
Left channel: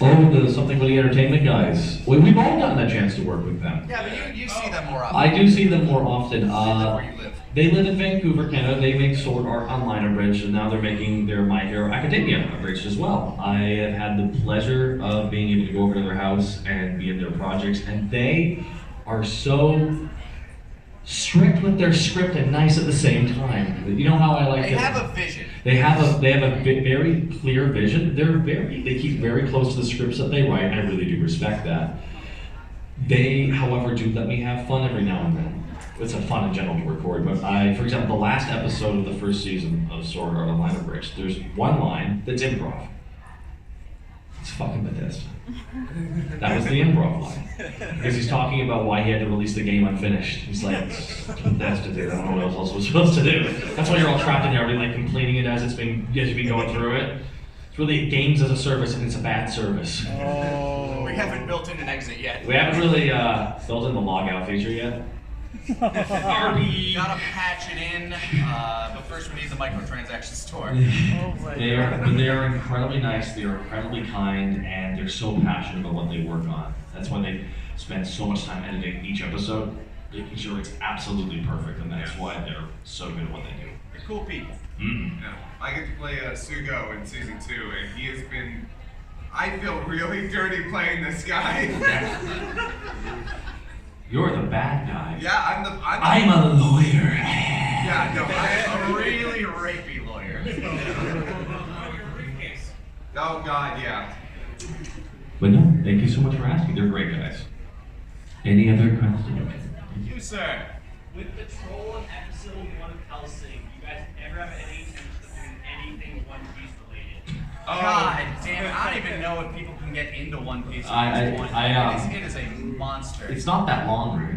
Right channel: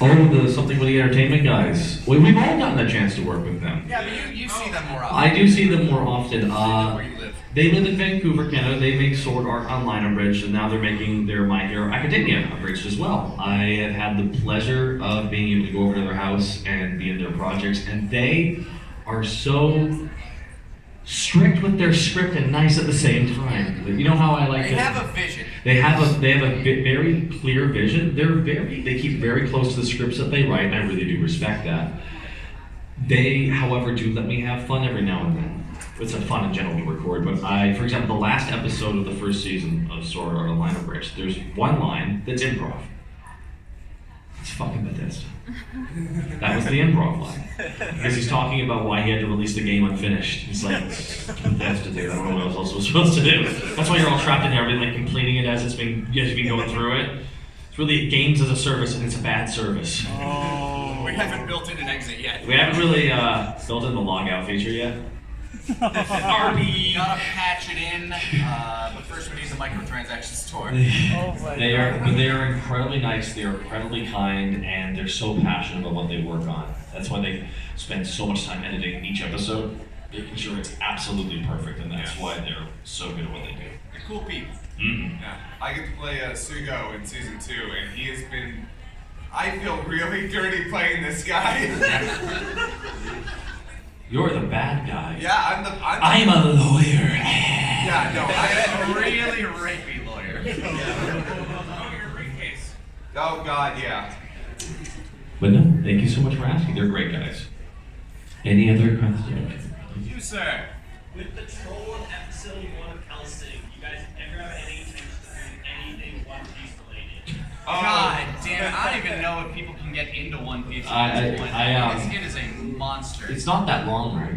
Oh, the Something Witty Entertainment guys. We've all gotten a chance to work with them. Yeah, but you see them more often. I do see them more often. Where you live. They live in Vancouver, Canada. They make sword art online abridged, and now they're making their My Hero Academia abridged as well. I have had the pleasure of being able to go over to their house and be in their projects, and they are so strict with their script and nice at the same time. You know how I like They have a vision. They have a very clear vision. They keep very close to the scripts that they write, and I really do respect that. They, however, do let me have fun every now and then. It's a fun and gentle to record, but for example, the last episode of the first season of Sword Art Online Abridged, there's one line that's improv. It's fucking Bethesda. That was the improv line. Because he's talking about why he had to release the game unfinished. He's like, Bethesda, dude, I don't know what else I was supposed to do. That's why you're all trapped in there, like completing it as it's been going through it. It's really games as a service, and it's a bad service. We haven't built in an exit yet. We haven't really built in the log out feature yet. RB. Gotta patch it in, but first we need the microtransaction store. They are incredibly nice. They are incredibly kind, and they're so passionate about what they work on. That's why they spend so much time editing each episode, making sure it's absolutely perfect, and that's why they're so good at what they do. They're cool people. Mm-hmm. Yeah, I get to play Sugo in season 2, and he has been. I feel really dirty playing this guy. You're the bad guy. Yeah, I'm a lawyer. Yeah, no, I'm a really rapey lawyer. Oh God, yeah. But no, thank you so much for asking. They're great guys. Any other questions? You, sir. With the troll of episode 1 of Hellsing, you guys ever have any intention of doing anything One Piece related? God damn it! I don't even know if people can get into One Piece at this point. It is a monster. It's not that long, right?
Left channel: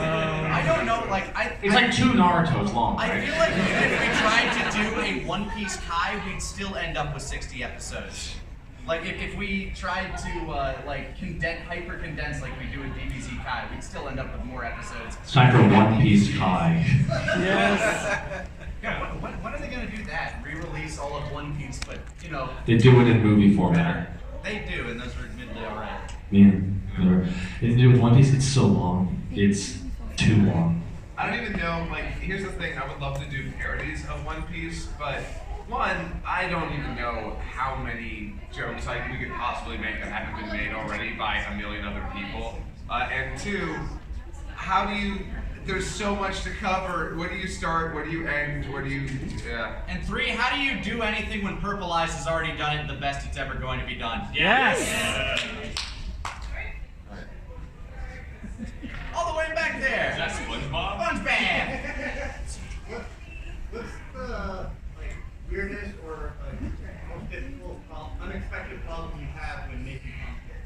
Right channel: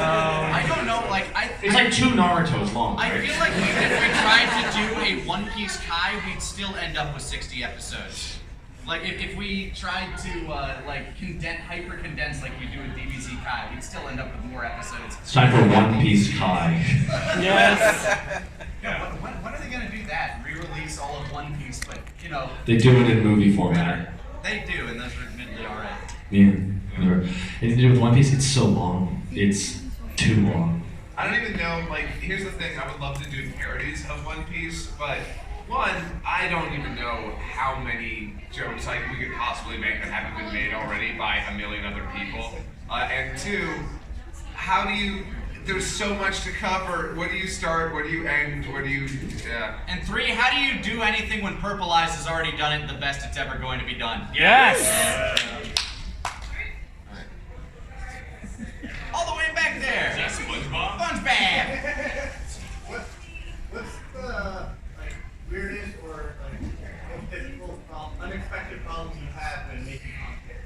I don't know, It's like 2 Narutos long. I right? feel like even if we tried to do a One Piece Kai, we'd still end up with 60 episodes. Like if we tried to hyper condense like we do in DBZ Kai, we'd still end up with more episodes. It's time for One Piece Kai. Yes. Yeah, when are they gonna do that? Re-release all of One Piece, but you know. They do it in movie format. They do, and those are admittedly alright. Yeah. Anything to do with One Piece? It's so long. It's too long. I don't even know, here's the thing, I would love to do parodies of One Piece, but one, I don't even know how many jokes we could possibly make that haven't been made already by a million other people. And two, how do you, there's so much to cover. Where do you start? Where do you end? Where do you, yeah. And three, how do you do anything when Purple Eyes has already done it the best it's ever going to be done? Yes! All the way back there! Is that SpongeBob? SpongeBob! What's the weirdest or most difficult, unexpected problem you have when making content?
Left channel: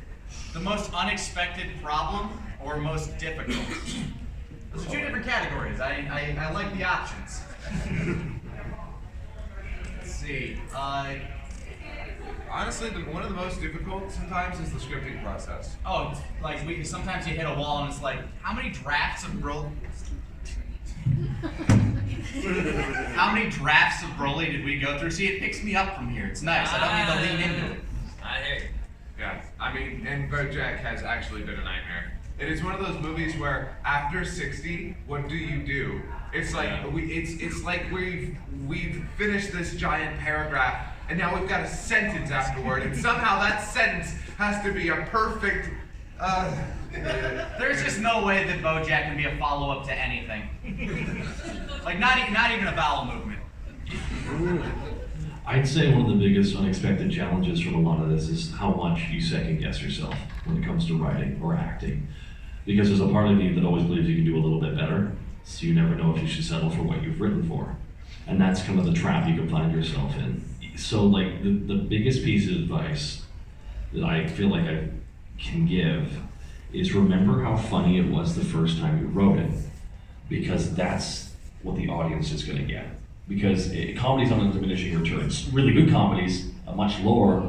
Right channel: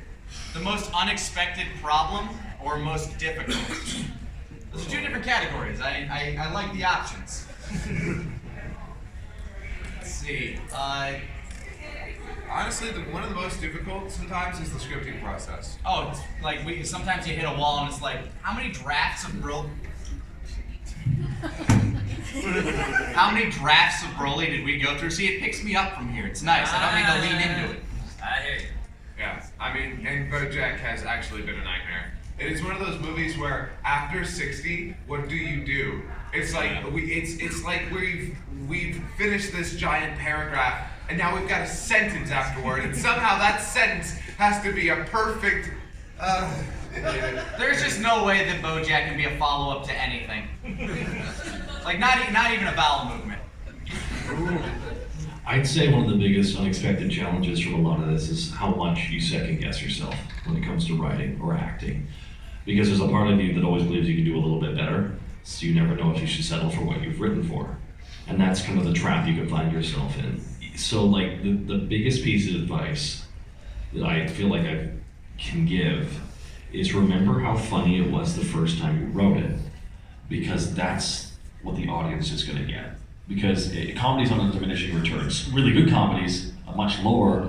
The most unexpected problem or most difficult? Those are two different categories. I like the options. Let's see. Honestly, one of the most difficult sometimes is the scripting process. Oh, it's like sometimes you hit a wall and it's like, how many drafts of How many drafts of Broly did we go through? See, it picks me up from here. It's nice. I don't need to lean into it. I hear you. Yeah, I mean, and BoJack has actually been a nightmare. It is one of those movies where after 60, what do you do? It's like it's like we've finished this giant paragraph, and now we've got a sentence afterward, and somehow that sentence has to be a perfect. There's just no way that BoJack can be a follow-up to anything. Like not even a bowel movement. I'd say one of the biggest unexpected challenges from a lot of this is how much you second guess yourself when it comes to writing or acting. Because there's a part of you that always believes you can do a little bit better, so you never know if you should settle for what you've written for. And that's kind of the trap you can find yourself in. So like the biggest piece of advice that I feel like I can give is remember how funny it was the first time you wrote it, because that's what the audience is going to get. Because comedy's on a diminishing returns. Really good comedies, a much lower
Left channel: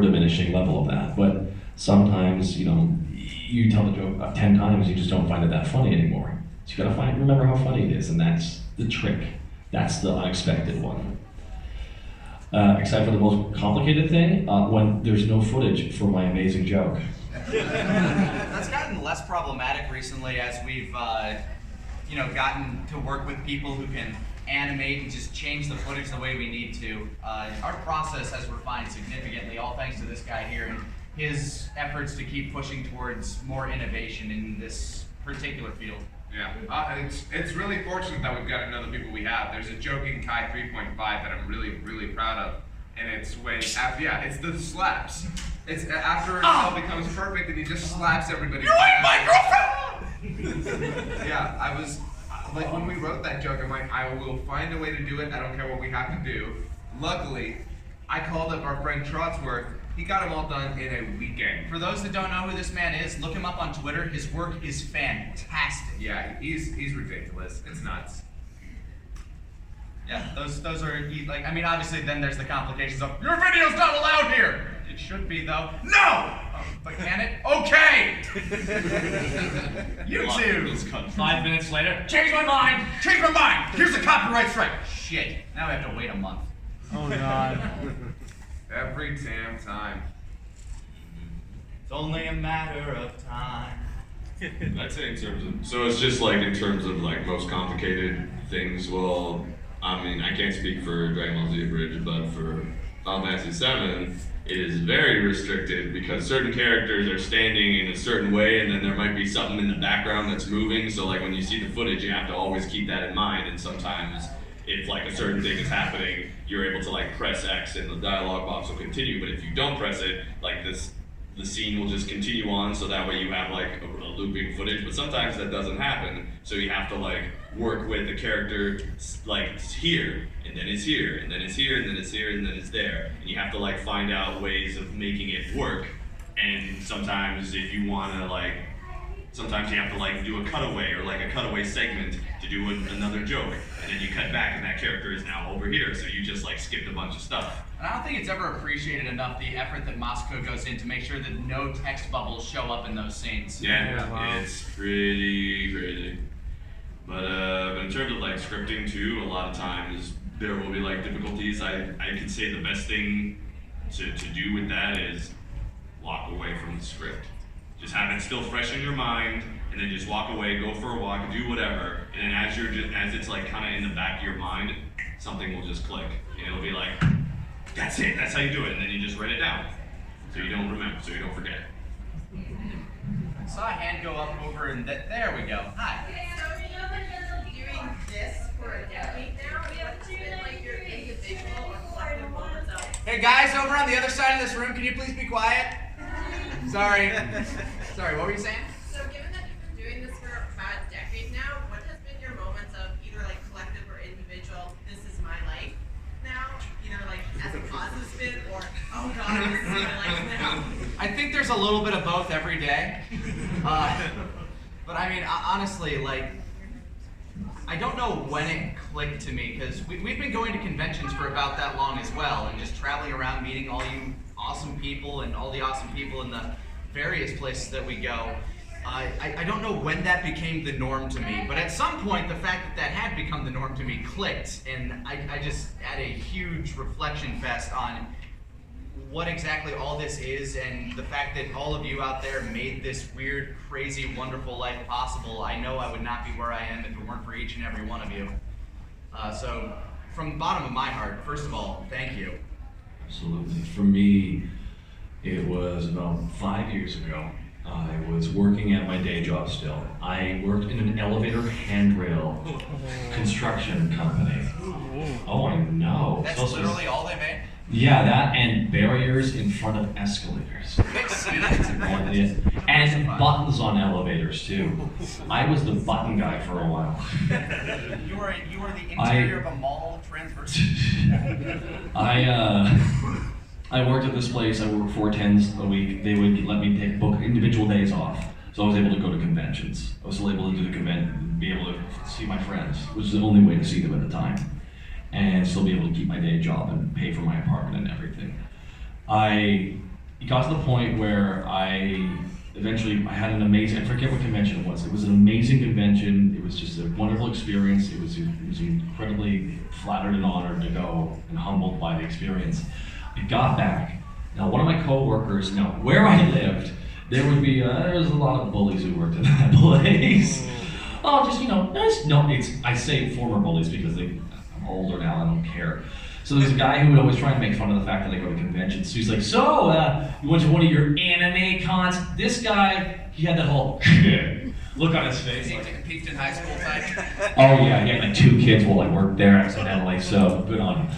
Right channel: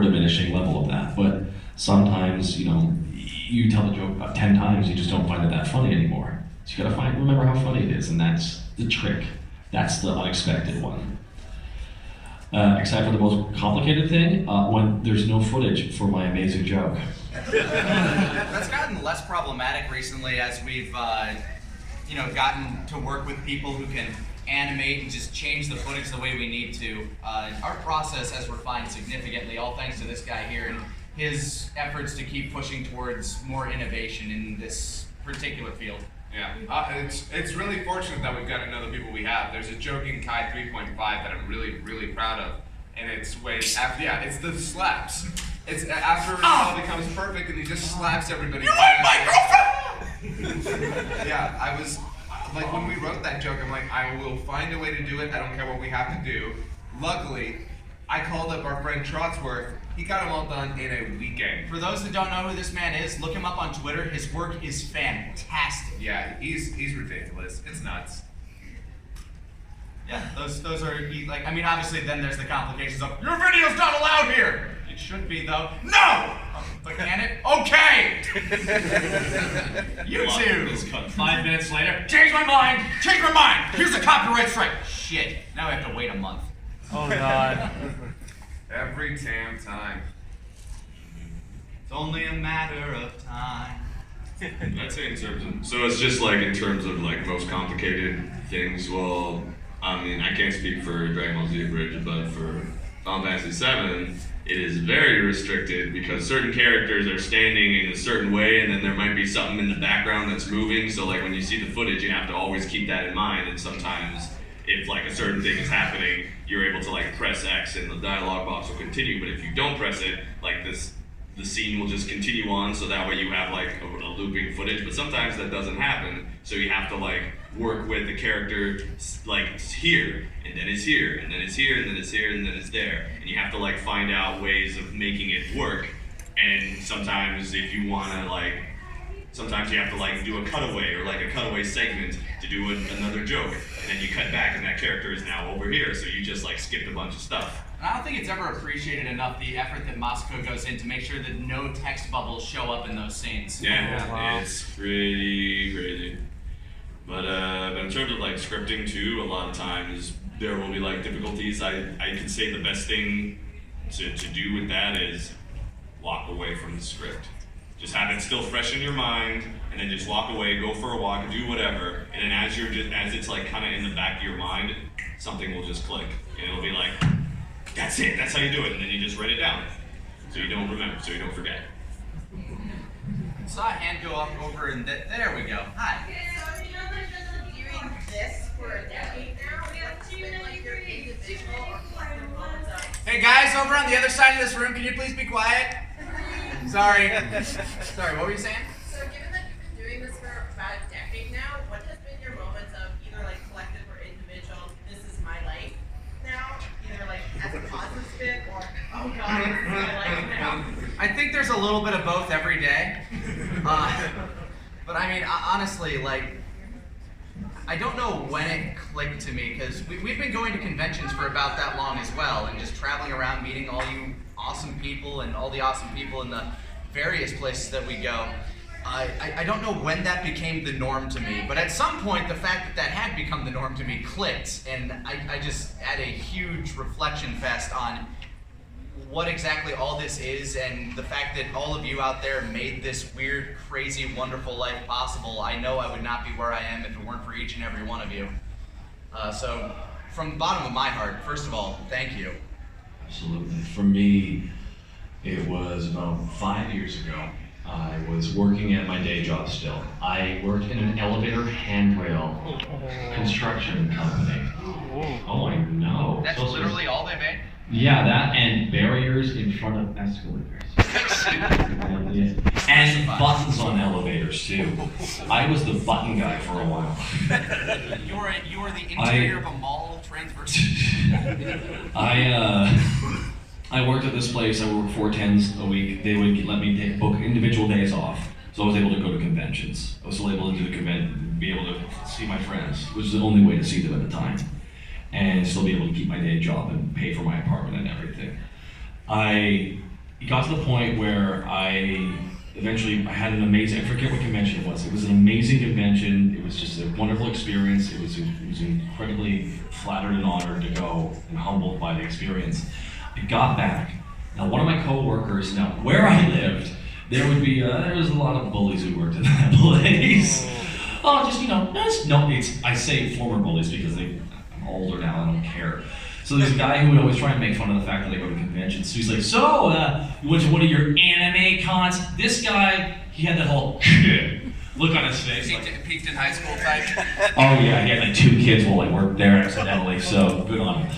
diminishing level of that. But sometimes, you tell the joke 10 times, you just don't find it that funny anymore. So you gotta remember how funny it is, and that's the trick. That's the unexpected one. Except for the most complicated thing, when there's no footage for my amazing joke. That's gotten less problematic recently as we've, gotten to work with people who can animate and just change the footage the way we need to. Our process has refined significantly, all thanks to this guy here and his efforts to keep pushing towards more innovation in this particular field. Yeah, it's really fortunate that we've gotten other people we have. There's a joke in Kai 3.5 that I'm really, really proud of, and it's when it's the slaps. It's after it all becomes perfect and he just slaps everybody. You ain't my girlfriend! Yeah, I was like when we wrote that joke, I'm like, I will find a way to do it. I don't care what we have to do. Luckily, I called up our friend Trotsworth. He got them all done in a weekend. For those that don't know who this man is, look him up on Twitter. His work is fantastic. Yeah, he's ridiculous. It's nuts. Yeah, those are like, I mean, obviously then there's the complications of your video's not allowed here. It should be though. No! Oh, but can it? Okay! YouTube! 5 minutes later, Change my mind! Change my mind! Here's a copyright strike! Shit, now I have to wait a month. Oh god. Every damn time. It's only a matter of time. I'd say in terms of, so it's just like in terms of like most complicated things, well, I mean, I can't speak for Dragon Ball Z Bridge, but for Final Fantasy VII, it is very restricted because certain characters are standing in a certain way and then there might be something in the background that's moving, so like when you see the footage, you have to always keep that in mind, and sometimes if like a certain thing is happening, you're able to like press X and the dialogue box will continue, but if you don't press it, like the scene will just continue on, so that way you have like a looping footage, but sometimes that doesn't happen, so you have to like work with the character like it's here, and then it's here, and then it's here, and then it's here, and then it's there, and you have to like find out ways of making it work, and sometimes if you want to like, sometimes you have to like do a cutaway or like a cutaway segment to do another joke, and then you cut back and that character is now over here, so you just like skipped a bunch of stuff. And I don't think it's ever appreciated enough the effort that Moscow goes in to make sure that no text bubbles show up in those scenes. Yeah, it's pretty crazy. But in terms of like scripting too, a lot of times there will be like difficulties. I could say the best thing to do with that is walk away from the script. Just have it still fresh in your mind, and then just walk away, go for a walk, do whatever, and then as it's like kind of in the back of your mind, something will just click, and it'll be like, that's it, that's how you do it, and then you just write it down, so you don't remember, so you don't forget. I saw a hand go up over and there we go. Hi. So you know that you've been doing this for a decade now. What's been like your individual or collective moments of? Hey guys, over on the other side of this room, can you please be quiet? Sorry. Sorry, what were you saying? So given that you've been doing this for about a decade now, what has been your moments of either like collective or individual, this is my life now? Either like as a positive spin or, oh god, this is my life now. I think there's a little bit of both every day. But I mean, honestly, like, I don't know when it clicked to me, because we've been going to conventions for about that long as well, and just traveling around meeting all you awesome people and all the awesome people in the various places that we go. I don't know when that became the norm to me, but at some point the fact that that had become the norm to me clicked, and I just had a huge reflection fest on what exactly all this is, and the fact that all of you out there made this weird, crazy, wonderful life possible. I know I would not be where I am if it weren't for each and every one of you. So from the bottom of my heart, first of all, thank you. Absolutely. For me, it was about 5 years ago. I was working at my day job still. I worked in an elevator handrail construction company. Oh, I know. That's literally all they made? Yeah, that and barriers in front of escalators. And buttons on elevators too. I was the button guy for a while. You were the interior of a mall transverse. I worked at this place. I worked 4 10s a week. They would let me book individual days off, so I was able to go to conventions. I was still able to do the convention, be able to see my friends, which is the only way to see them at the time, and still be able to keep my day job and pay for my apartment and everything. It got to the point where I had an amazing, I forget what convention it was. It was an amazing convention. It was just a wonderful experience. It was incredibly flattered and honored to go, and humbled by the experience. I got back. Now, one of my co-workers, now where I lived, there was a lot of bullies who worked in that place. I say former bullies because I'm older now, I don't care. So there's a guy who would always try and make fun of the fact that I go to conventions. So he's like, you went to one of your anime cons? This guy, he had that whole look on his face. Peaked in high school type. Oh yeah, he had like 2 kids while I worked there accidentally, so good on him.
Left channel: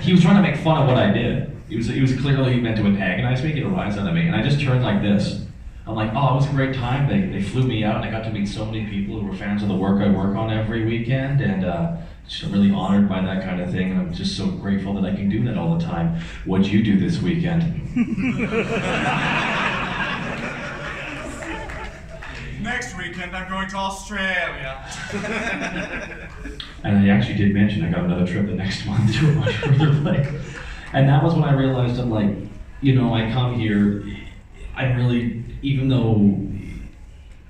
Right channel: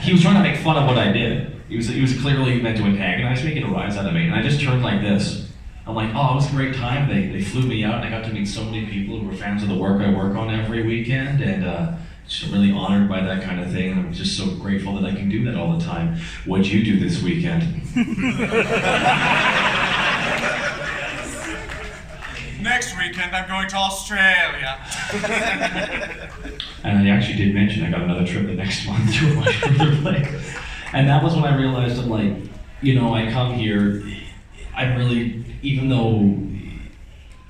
He was trying to make fun of what I did. He was clearly meant to antagonize me, get a rise out of me, and I just turned like this. I'm like, oh, it was a great time. They flew me out, and I got to meet so many people who were fans of the work I work on every weekend, and just really honored by that kind of thing. And I'm just so grateful that I can do that all the time. What'd you do this weekend? Next weekend, I'm going to Australia. And I actually did mention I got another trip the next month to a much further place. And that was when I realized I'm like, you know, I come here, I'm really, even though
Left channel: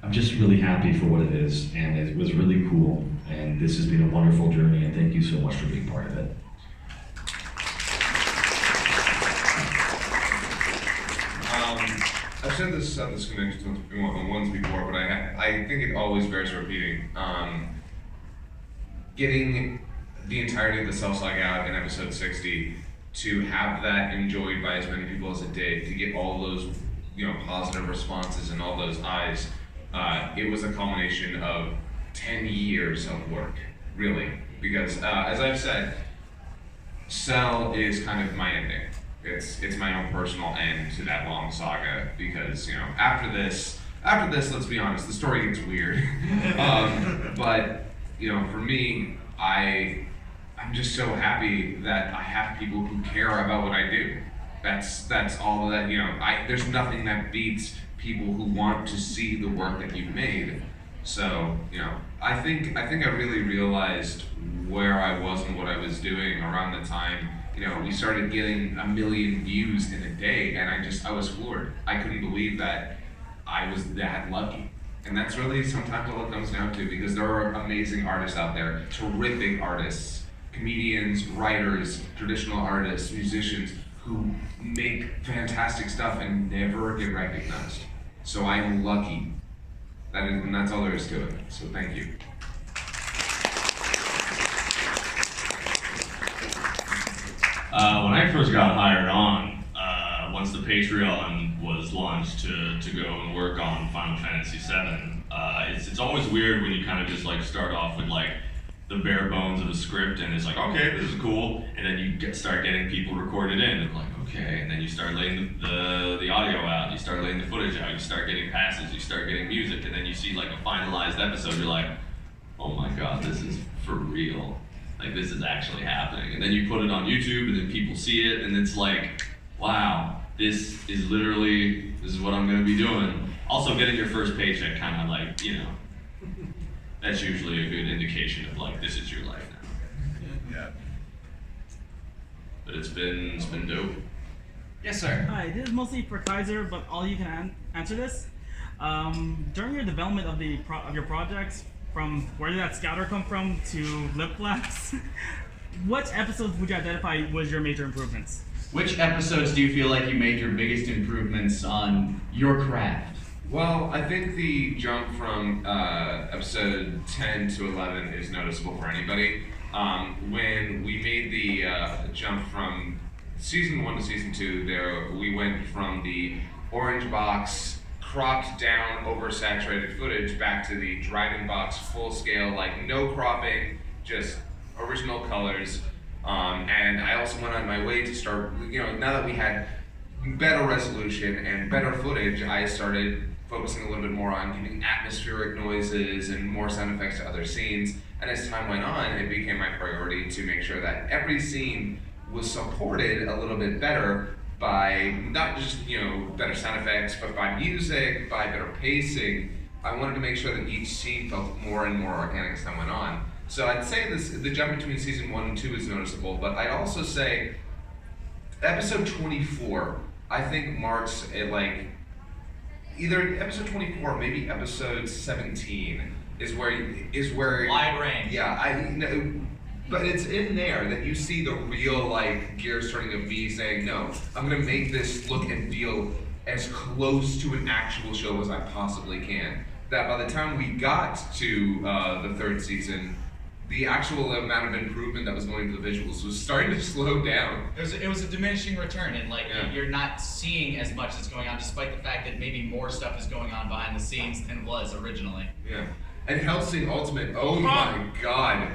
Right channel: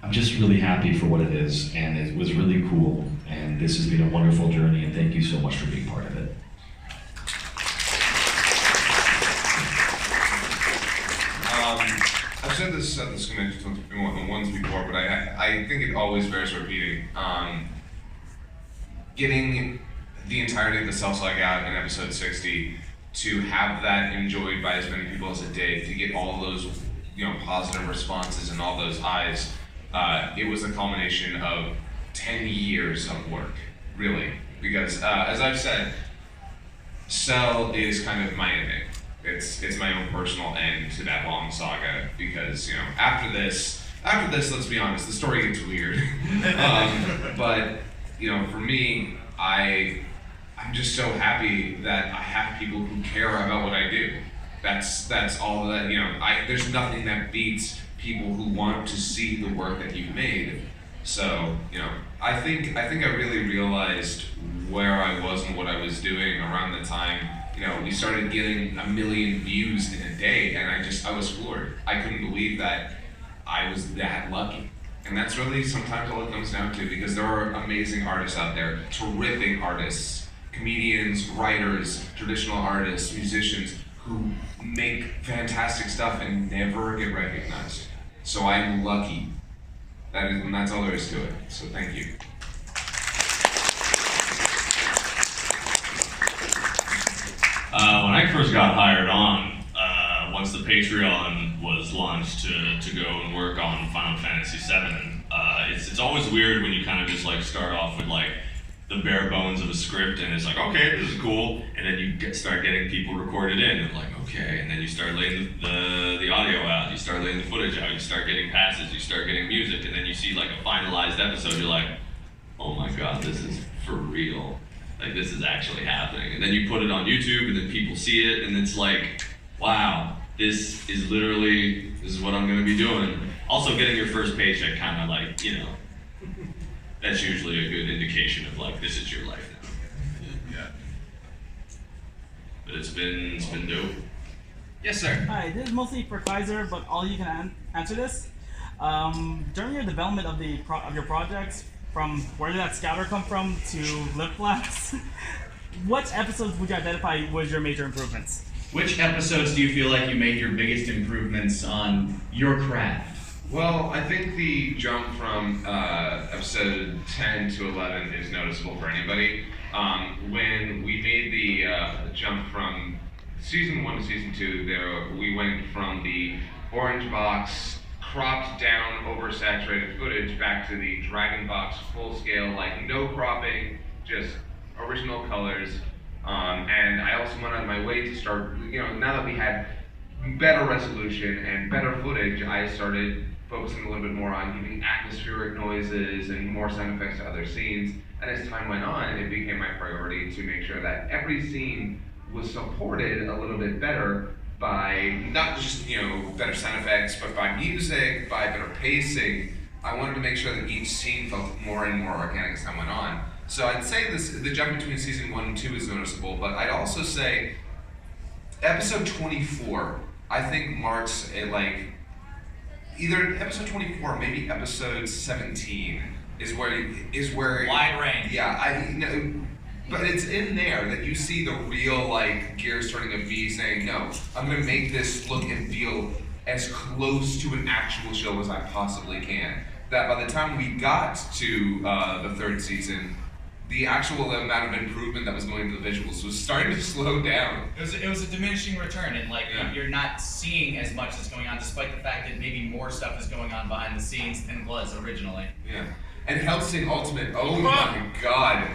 I'm just really happy for what it is, and it was really cool, and this has been a wonderful journey, and thank you so much for being part of it. I've said this once before, but I think it always bears repeating. Getting the entirety of the self-slug out in episode 60, to have that enjoyed by as many people as it did, to get all those, you know, positive responses and all those eyes, it was a culmination of 10 years of work, really. Because as I've said, Cell is kind of my ending. It's my own personal end to that long saga, because, you know, after this, let's be honest, the story gets weird. But, you know, for me, I'm just so happy that I have people who care about what I do. That's all that, you know, there's nothing that beats people who want to see the work that you've made. So, you know, I think I really realized where I was and what I was doing around the time, you know, we started getting 1 million views in a day, and I was floored. I couldn't believe that I was that lucky. And that's really sometimes all it comes down to, because there are amazing artists out there, terrific artists, comedians, writers, traditional artists, musicians, who make fantastic stuff and never get recognized. So I'm lucky. And that's all there is to it. So thank you. When I first got hired on, once the Patreon was launched to go and work on Final Fantasy VII, it's always weird when you kind of just like start off with like the bare bones of a script, and it's like, okay, this is cool, and then you start getting people recorded in, and like, okay, and then you start laying the audio out, you start laying the footage out, you start getting passes, you start getting music, and then you see like a finalized episode, you're like, oh my god, this is for real. Like, this is actually happening. And then you put it on YouTube, and then people see it, and it's like, wow, this is what I'm gonna be doing. Also, getting your first paycheck kind of like, you know, that's usually a good indication of like, this is your life now. Yeah. But it's been dope. Yes, sir. Hi, this is mostly for Kaiser, but all you can answer this. During your development of your projects, from where did that scouter come from to lip flaps, what episodes would you identify was your major improvements? Which episodes do you feel like you made your biggest improvements on your craft? Well, I think the jump from episode 10 to 11 is noticeable for anybody. When we made the jump from season 1 to season 2, we went from the orange box, cropped down, oversaturated footage back to the Dragon Box full scale, like no cropping, just original colors. And I also went out of my way to start, you know, now that we had better resolution and better footage, I started focusing a little bit more on giving atmospheric noises and more sound effects to other scenes. And as time went on, it became my priority to make sure that every scene was supported a little bit better by not just, you know, better sound effects, but by music, by better pacing. I wanted to make sure that each scene felt more and more organic as time went on. So I'd say the jump between season 1 and 2 is noticeable, but I'd also say episode 24, I think marks either episode 24, maybe episode 17 is where wide range. Yeah, but it's in there that you see the real like gears turning of me saying, no, I'm gonna make this look and feel as close to an actual show as I possibly can. That by the time we got to the 3rd season, the actual amount of improvement that was going into the visuals was starting to slow down. It was a diminishing return, and like you're not seeing as much that's going on, despite the fact that maybe more stuff is going on behind the scenes than was originally. Yeah. And Hellsing Ultimate, oh my god.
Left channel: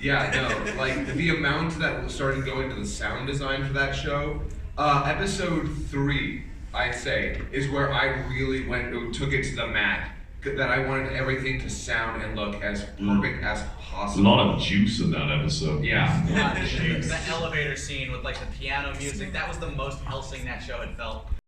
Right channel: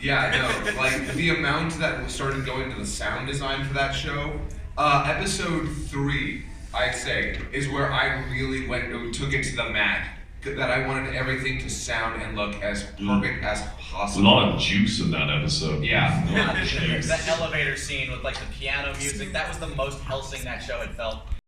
Yeah, I know. Like the amount that started going into the sound design for that show. Episode 3, I'd say, is where I really took it to the mat. That I wanted everything to sound and look as perfect as possible. A lot of juice in that episode. Yeah. That elevator scene with like the piano music, that was the most Hellsing that show had felt.